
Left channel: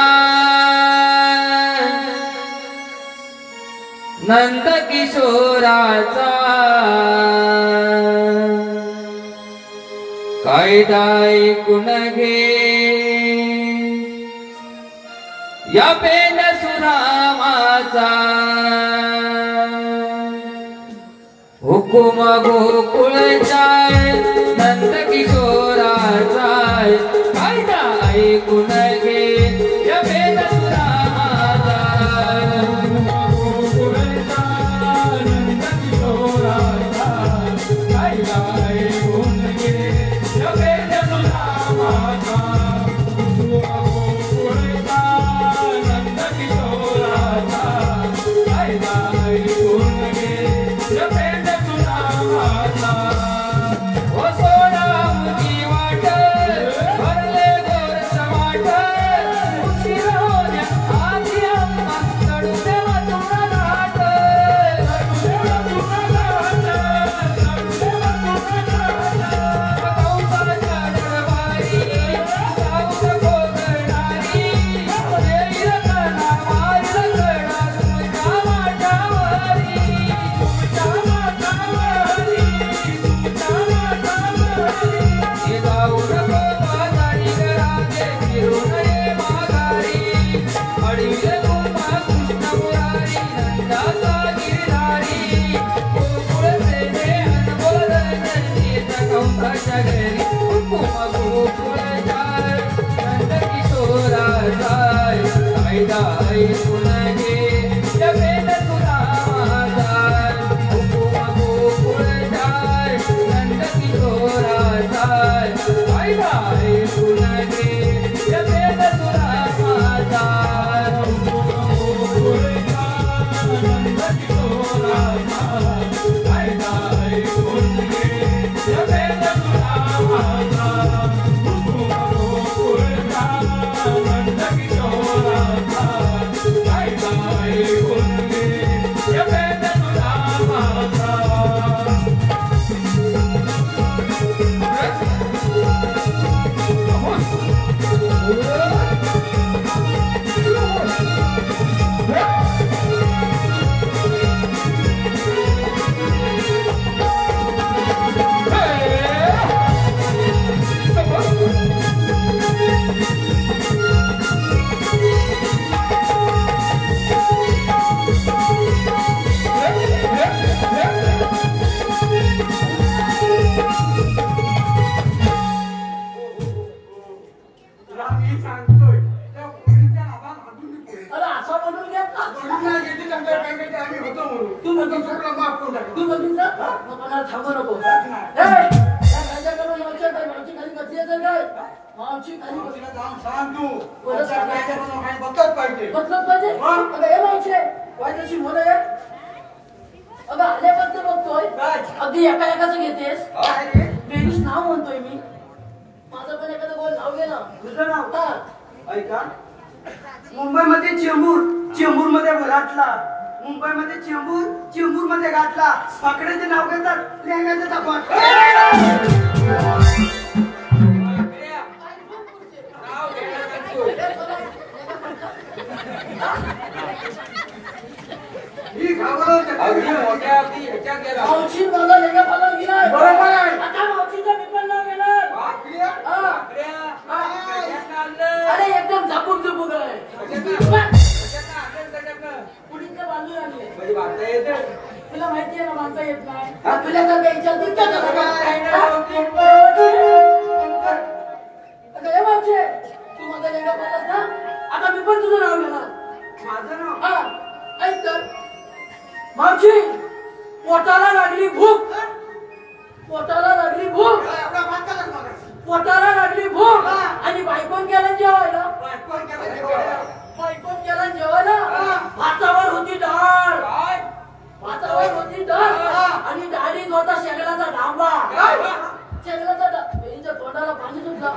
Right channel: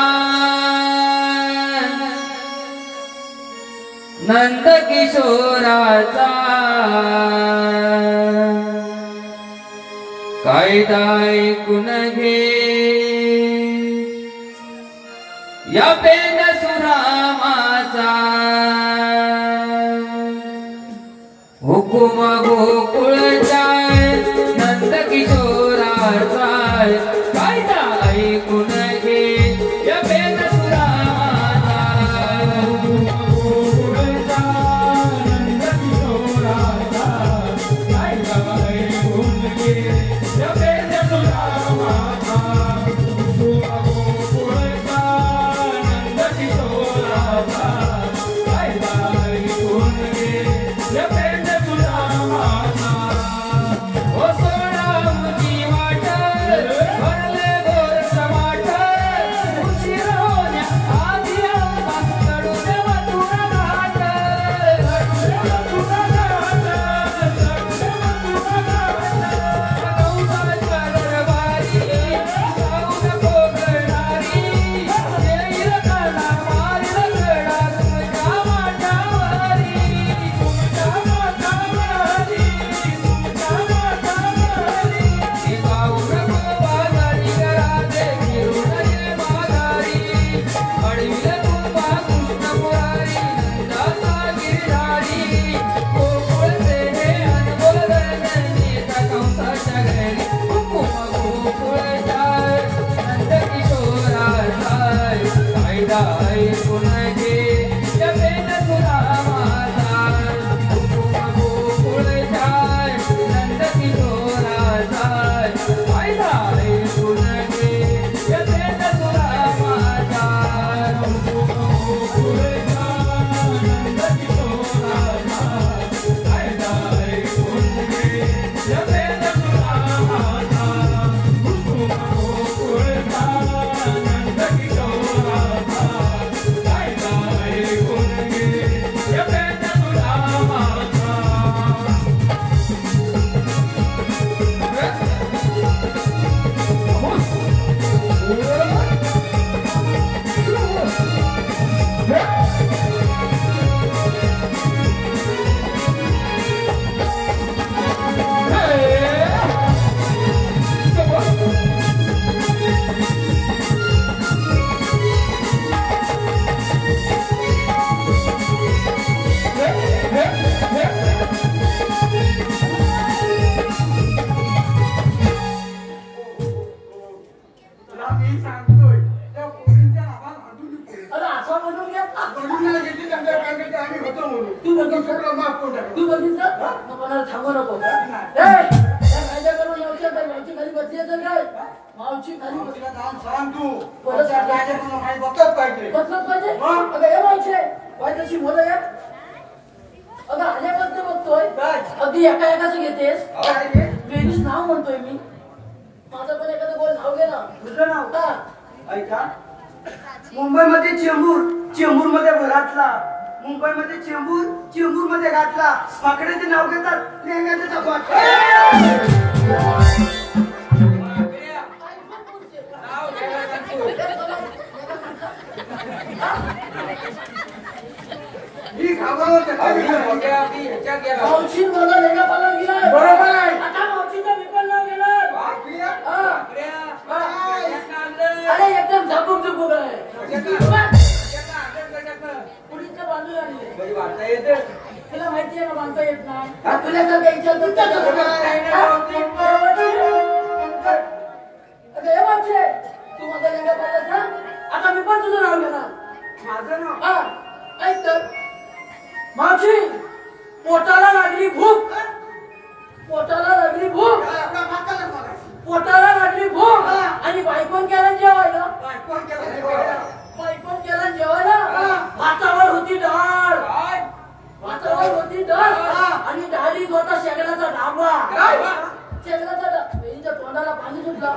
नंद किशोराचा कायदा ऐकून घे या पेन सुरामाचा हुकुम गोकुळचा नंद किशोराचा कायदा ऐकून घे या पेन सुरामाचा गोकुळचा नंद किशोराचा कायदा ऐकून घे या पेन सुरामाचा गोकुळचा नंद किशोराचा कायदा ऐकून घे या पेन सुरामाचा ओ सोनामची वाट भरले गोर समाट उशीर होण्या आधी अम्मा कडू देवा तुला घाट कौसाच्या दरबारी साऊद कोकणारी देईल कणा मारील कडा तुमच्या माठावरी तुमच्या माठावरी हे जाऊन बाजारी घराते फिरून ये माघारी अडविल तुला कृष्ण मुरारी नंदाचा गिरधारी गोकुळ सेने अनमोल धनंजी कंसाच्या घरी हुकुम गोकुळचा नंद किशोराचा कायदा ऐकून घे या पेन सुरामाचा हुकुम गोकुळचा नंद किशोराचा कायदा ऐकून घे या पेन सुरामाचा गोकुळचा नंद किशोराचा कायदा ऐकून घे या पेन सुरामाचा हुकुम गोकुळचा नंद किशोराचा कायदा ऐकून घे या पेन सुरामाचा अरे असं म्हणून घ्या तू बघितलं तू बघितलं मला थांबू नको माझ्या करून लक्षात आहे मावशी खाली बसली असेल काय मावशी खाली बसलंच पाहिजे अगं हे मावशी तशी बोल अगं आल्यापासून बघतोय अगदी एका एकाच घेतेस बेरीच नाव म्हणतोय मी माझं पण एखादं गोल नाव गेला दुसरं नाव ऐका मुंबईमध्ये चेंबूर मध्ये घातला मुंबईमध्ये चेंबूर मध्ये घातला माकडाचे नाव घेतात लेंगाचे तपास ही घाबरवते मावशी माझा लेगा पालन गेलाय बरोबर आहे. आता मावशीचा पेपर नाव गेलाय अरे एकदम झपूक आहे पुढीचं बांधून आली तुला माहिती आहे ना बांधता येत नाही तुला जर काही विचार मावशी तू माझा लेगा पालन ना आता मी पण तुझं नाव घेणार माझं नाव हा ऐक तर मावशी पोटाला लागली भूक पोटाला लागली भूक आणि बायकोन केला जेवायला भातावर होती डाळ आणि डाळीत होता शेंगण्याचा ढाबा शेंगण्याचा तोंडाला पाणी सुटलं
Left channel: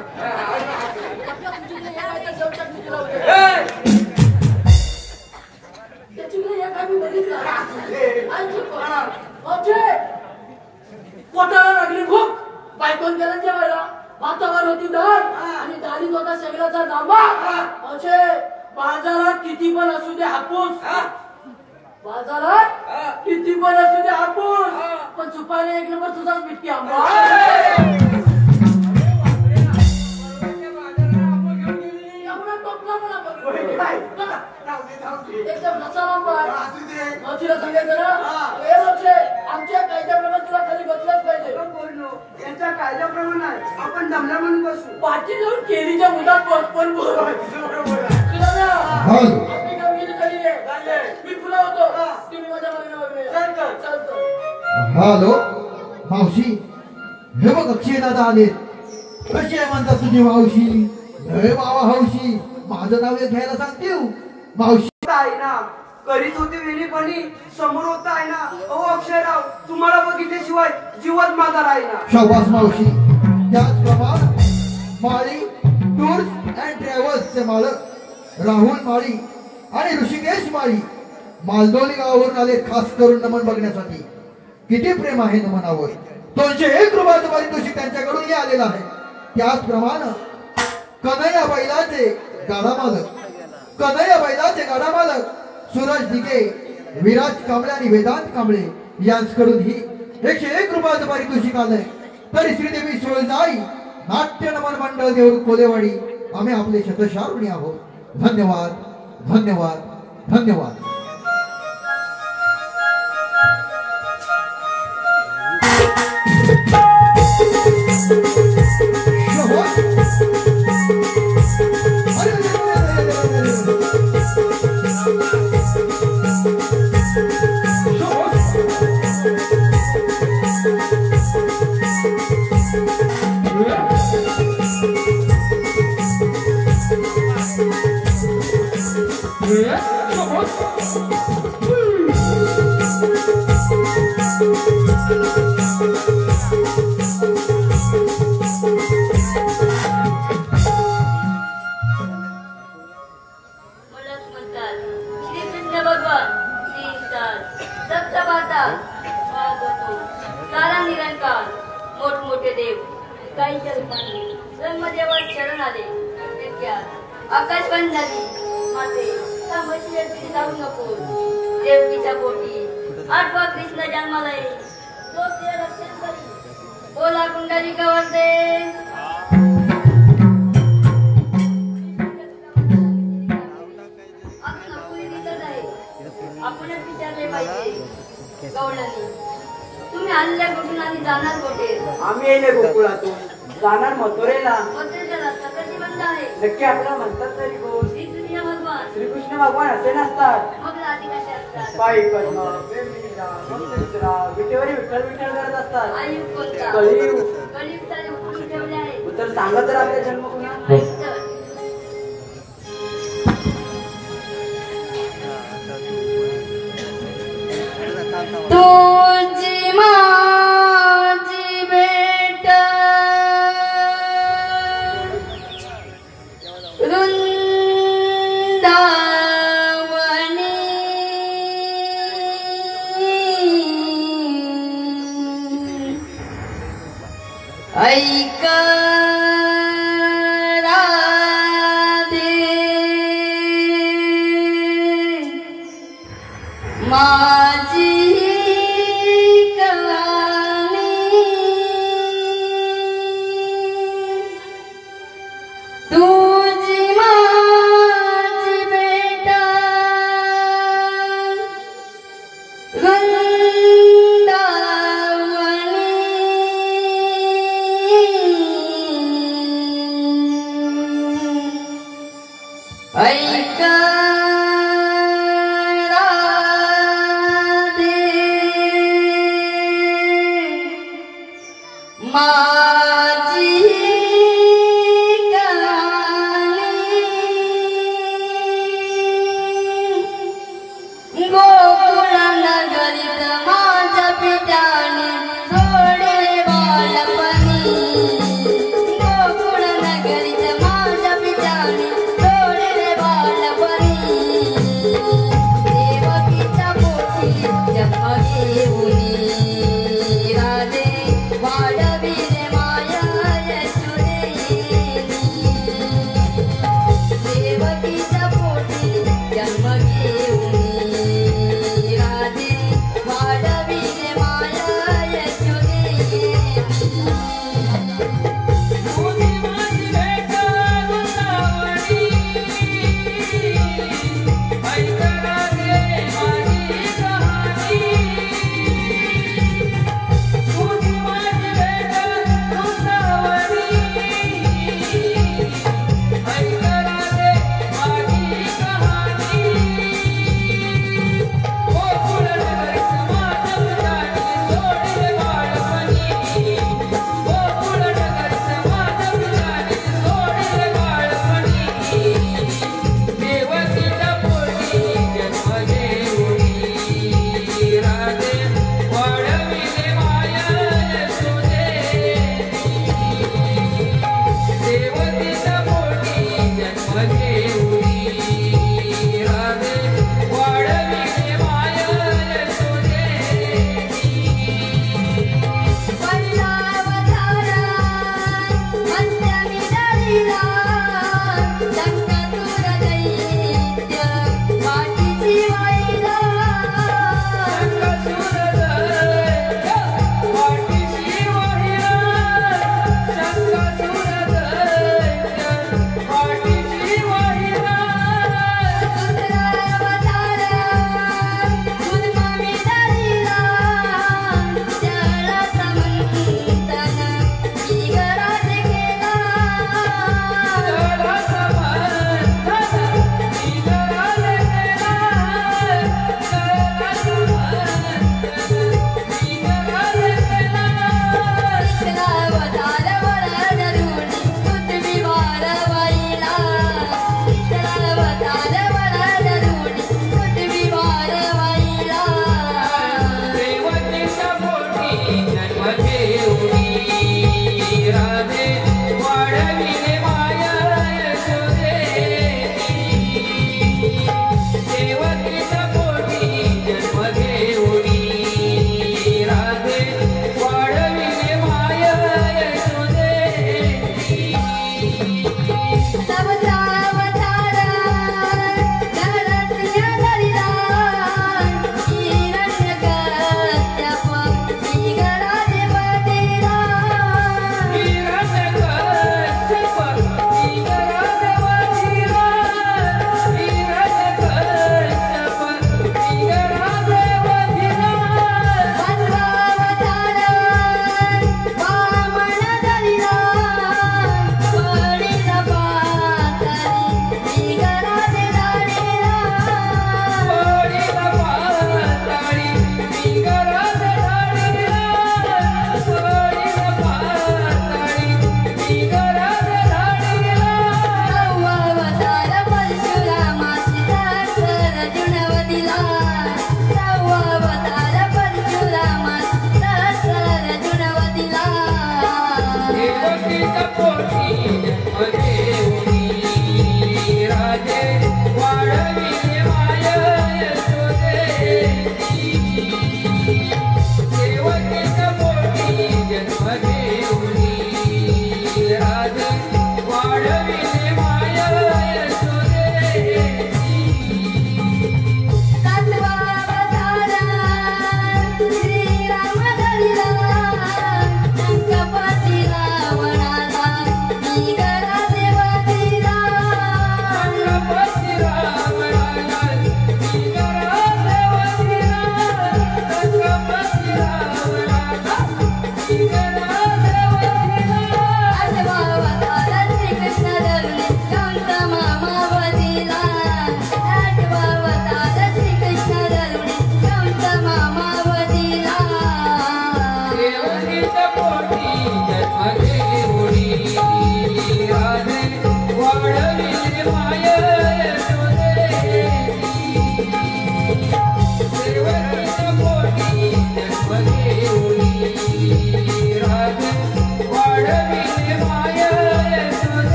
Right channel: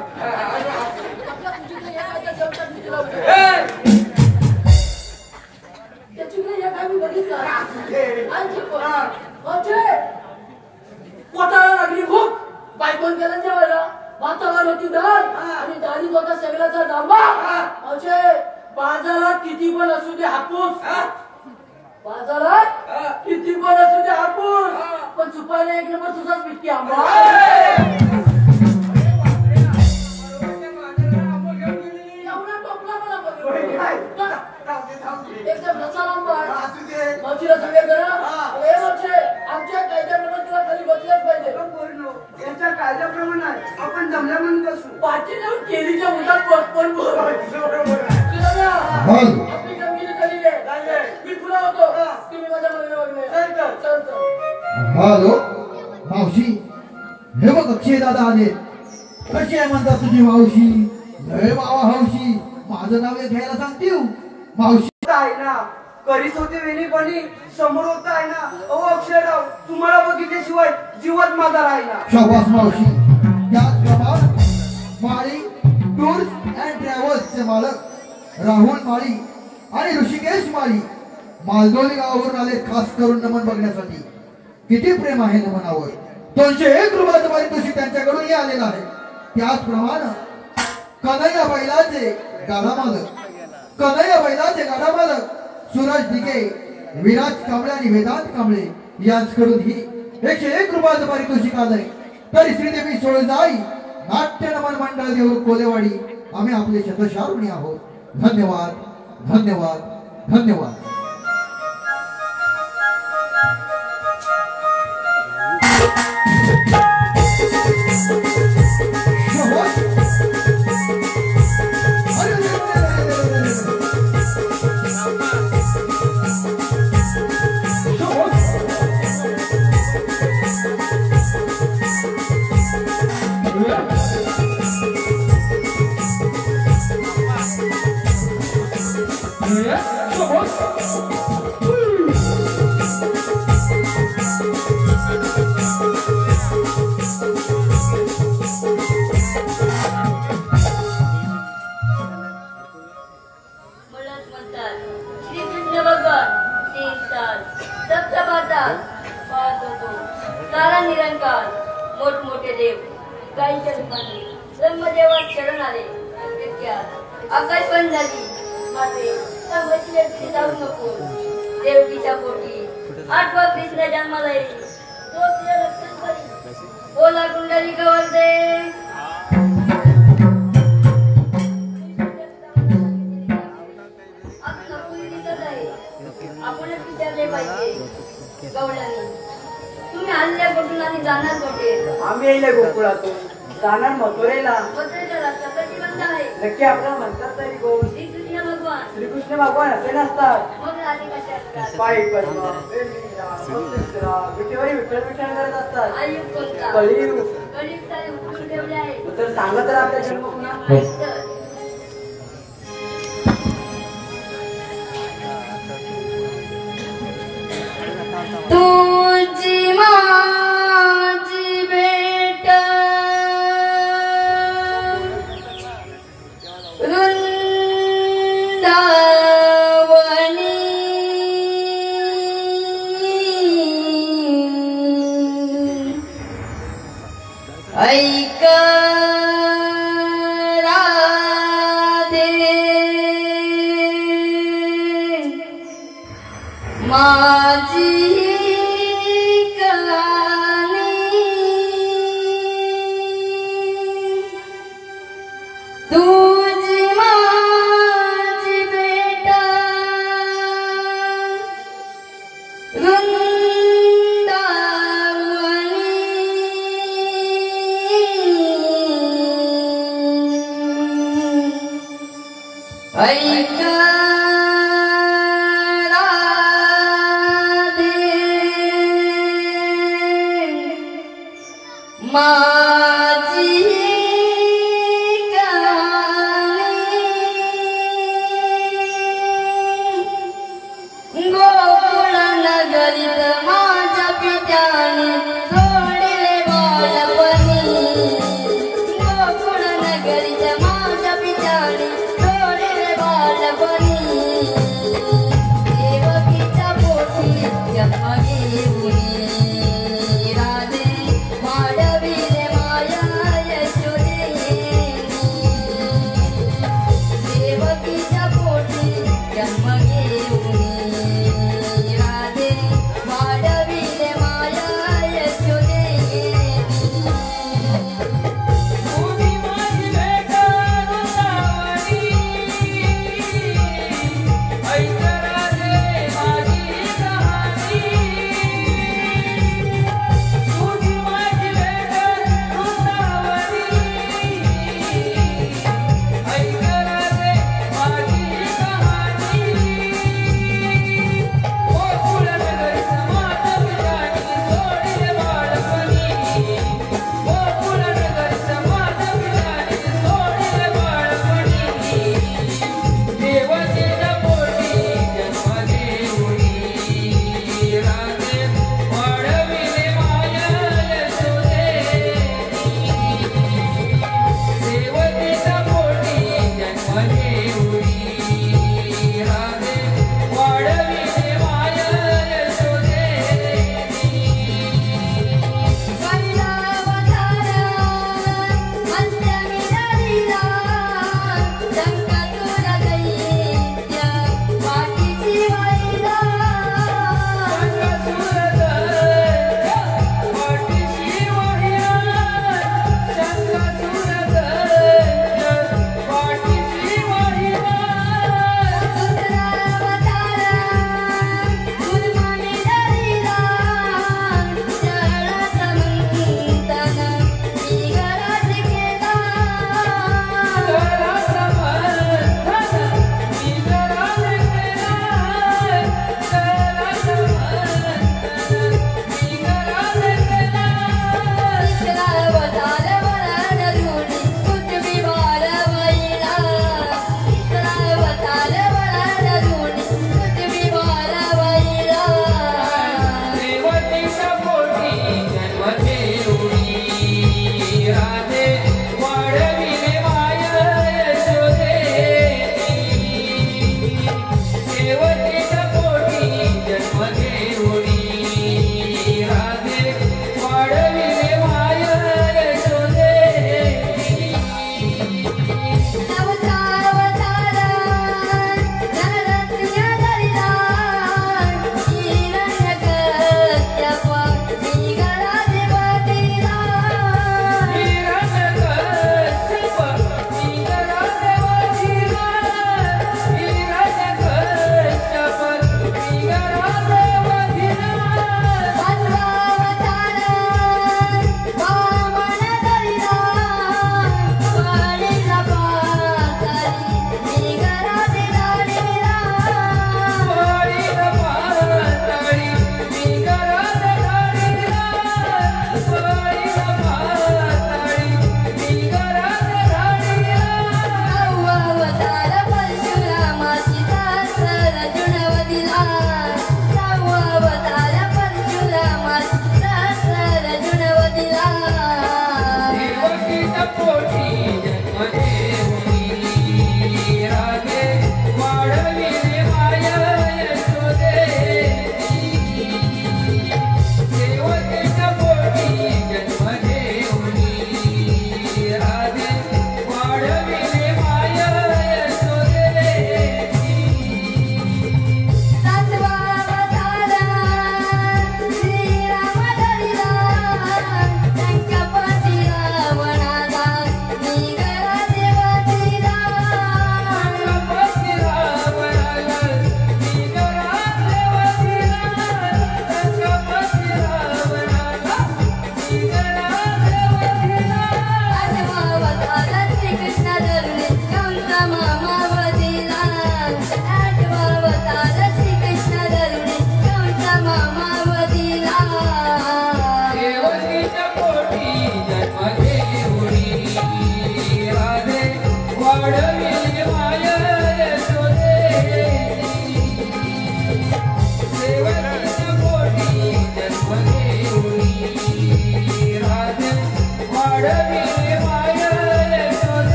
त्याच्याकडे एक आम्ही बघितलं पोटाला लागली भूक बायकोन केला जेवायला हातावर होती दाढ आणि दाढीत होता सगळ्याचा डांबा. असे बाजारात किती पण असू दे हापूस, बाजारात किती पण असू दे हापूस, पण चुपायला एक नंबर तुझाच पिटकी आंबा. एकदम मावशीला सांगायचं ना, हे मावशे, आमच्या कायद्याप्रमाणे तुला खाली बसलाच पाहिजे. यांच्या कायद्याप्रमाणे आपण जमल्या म्हणून बसू. पाठी जाऊन केलीच्या उदात पण तुला ना आपली कामगिरी झाली आहे. मी पुढे होतो, तुम्ही माझ्या मागे चल. हॅलो मावशी, हे बघ अक्षय दादा आले. कशी आहे म्हणता तुझी मावशी? हे बाबा हौशी, माझं नाव एक घ्यायला सांगते मावशी. आहे ना, करीत होते वेणीपणी, समोर होत आहे ना. ओ अक्षयराव, तुम्हाला बघितल्याशिवाय जीवत माझा राहिला. शाबास मावशी. त्याचप्रमाणे माळी टूर्स अँड ट्रॅव्हल्सचे मालक राहुल माळी आणि ऋषिकेश माळी मालदोली गावावरून आले खास करून नमन बघण्यासाठी. किती प्रेम आहे नमनावर. 201 रुपयाचं पारितोषिक त्यांच्याकडून आलेलं आहे. त्याचप्रमाणे कन्हैया बैलाचे गाडा मालक सूरज दिके, विराज कांबळे आणि वेदांत कांबळे यांच्याकडून ही 101 रुपयाचं पारितोषिक आलंय. तरी श्रीदेवी सोळजाई नाट्य नमन मंडळ देऊळ कोलेवाडी आम्ही आपले शतशार ऋणी आहोत. धन्यवाद, धन्यवाद, धन्यवाद. मोठमोठे देव काहींच्या रूपाने ब्रह्मदेवात शरण आले. आकाश बंद झाली. माझे जाऊ नको. देवकीच्या पोटी 8वा कृष्ण जन्माला येईल. तो तुझ्या रक्षण करी. बोला कुंडली गवळते. आपणच विचारले पाहिजे. गवळ्याने तुम्ही आणल्या कुठून आणि जाणार कुठे? आम्ही येले गोकुळातून, जाणार मथुरेला. मथुरेचा रस्ता प्रतिबंध आहे. नक्की आपल्याला म्हणतात तरी कोण? श्रीकृष्ण भगवान. श्रीकृष्ण भगवान असे नसतात. मग राधी कसे असतात? पायी पद्मा, वेणीला, भक्तिसुरा, विटेवरी विठ्ठल विठ्ठल करत असतात. आयुक्त कोणता? कलियुग. कलियुग सारे उठून ठेवले आहे. तर सांगा तर आपल्या जन्म पुन्हा. तुझी माझी भेट वृंदावनी ऐक राधे माझी तुझी माझी भेट वृंदावनी ऐक राधे माझी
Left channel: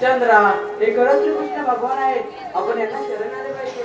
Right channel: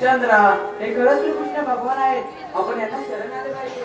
चंद्रा हे खरंच श्रीकृष्ण भगवान आहेत आपण यांना शरण आले पाहिजे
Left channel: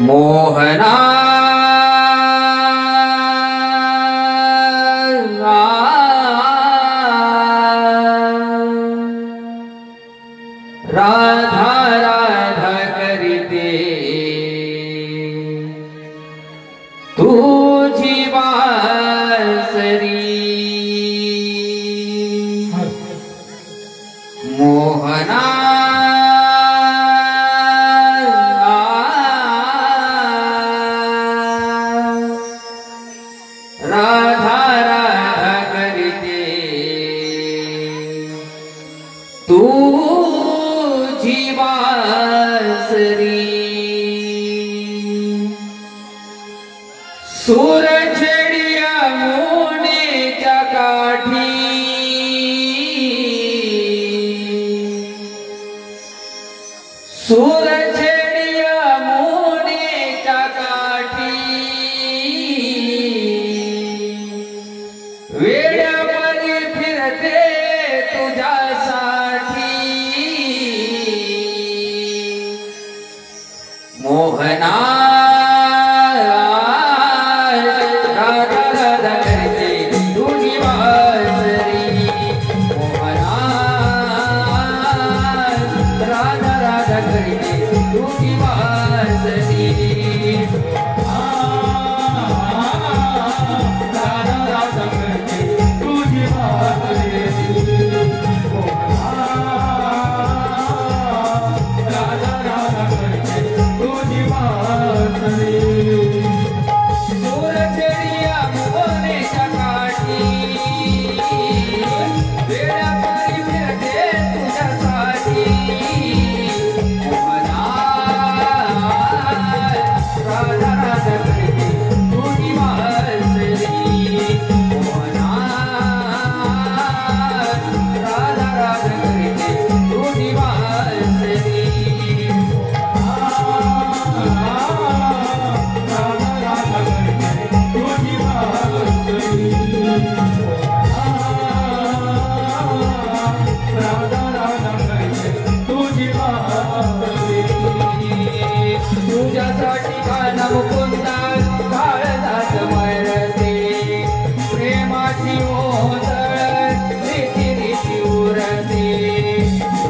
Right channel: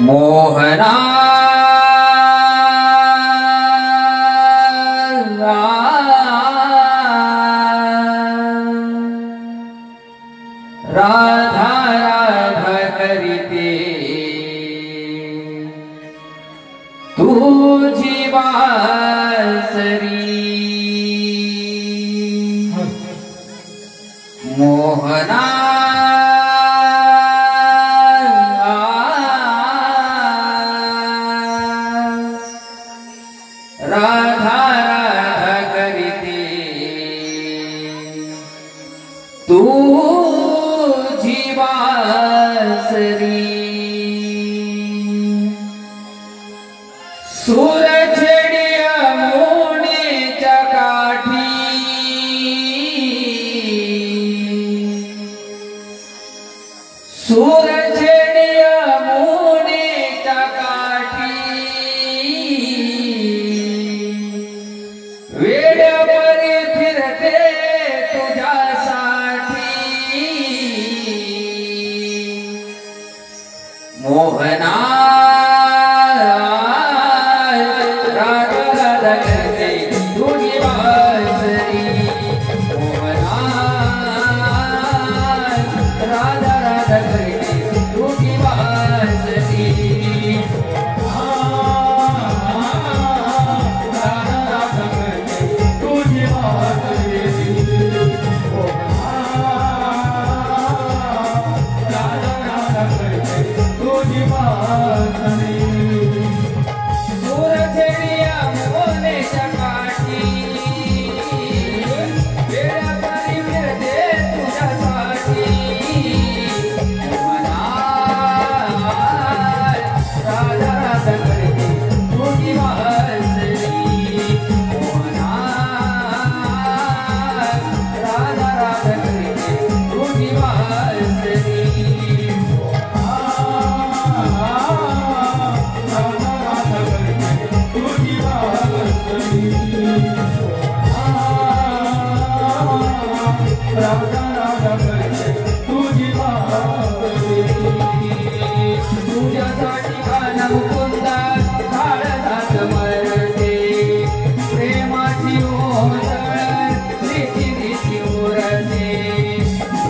मोहना राधा राधा करीते तुझी बासरी मोहना राधा राधा करते तुझी बासरी सूरजडिया मोनेच्या काठी सूरजडिया मोनेच्या काठी वेड्यावरी फिरते तुझ्यासाठी मोहना राधा राधा करते तुझी बासरी मोहना राधा राधा करते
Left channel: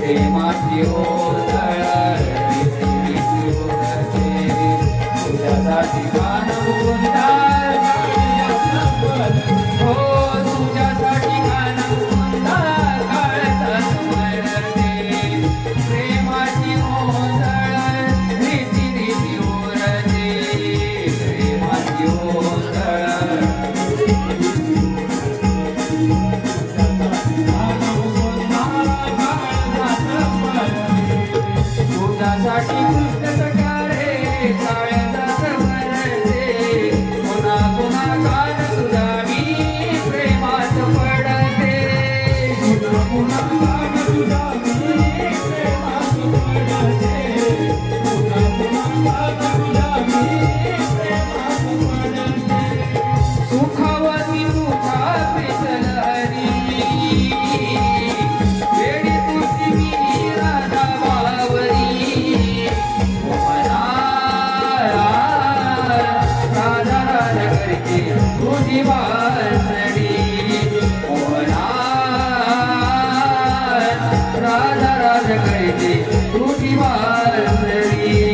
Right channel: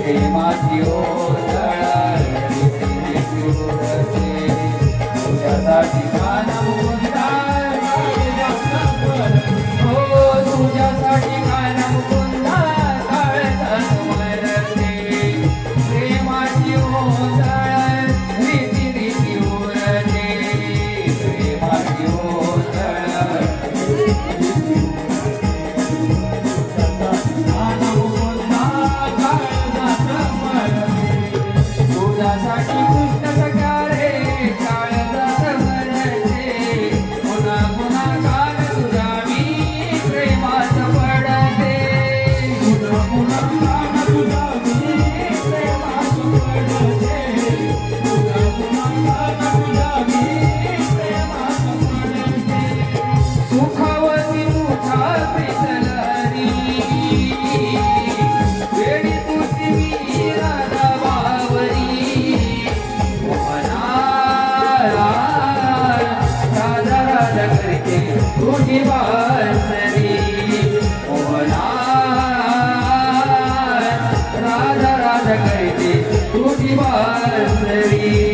प्रेमाची ओंजळ तुझ्यासाठी गाणं मुकुंदा हो तुझ्यासाठी गाणं मुकुंदा काळजा स्मरते प्रेमाची ओंजळ रीती रीती उरते प्रेमाची ओंजळ तुझ्यासाठी कृष्ण सख्या रे काळजा स्मरते पुन्हा पुन्हा कान तुझावी प्रेमात पडते पुन्हा पुन्हा कान तुझावी प्रेमात पडते पुन्हा पुन्हा कान तुझावी प्रेमात पडते सुखावती मुखात चलहरी वेडी तुझी वीरा नावावरी मोहना राधा राधा करते तुझी वासरी मोहना राधा राधा करते तुझी वासरी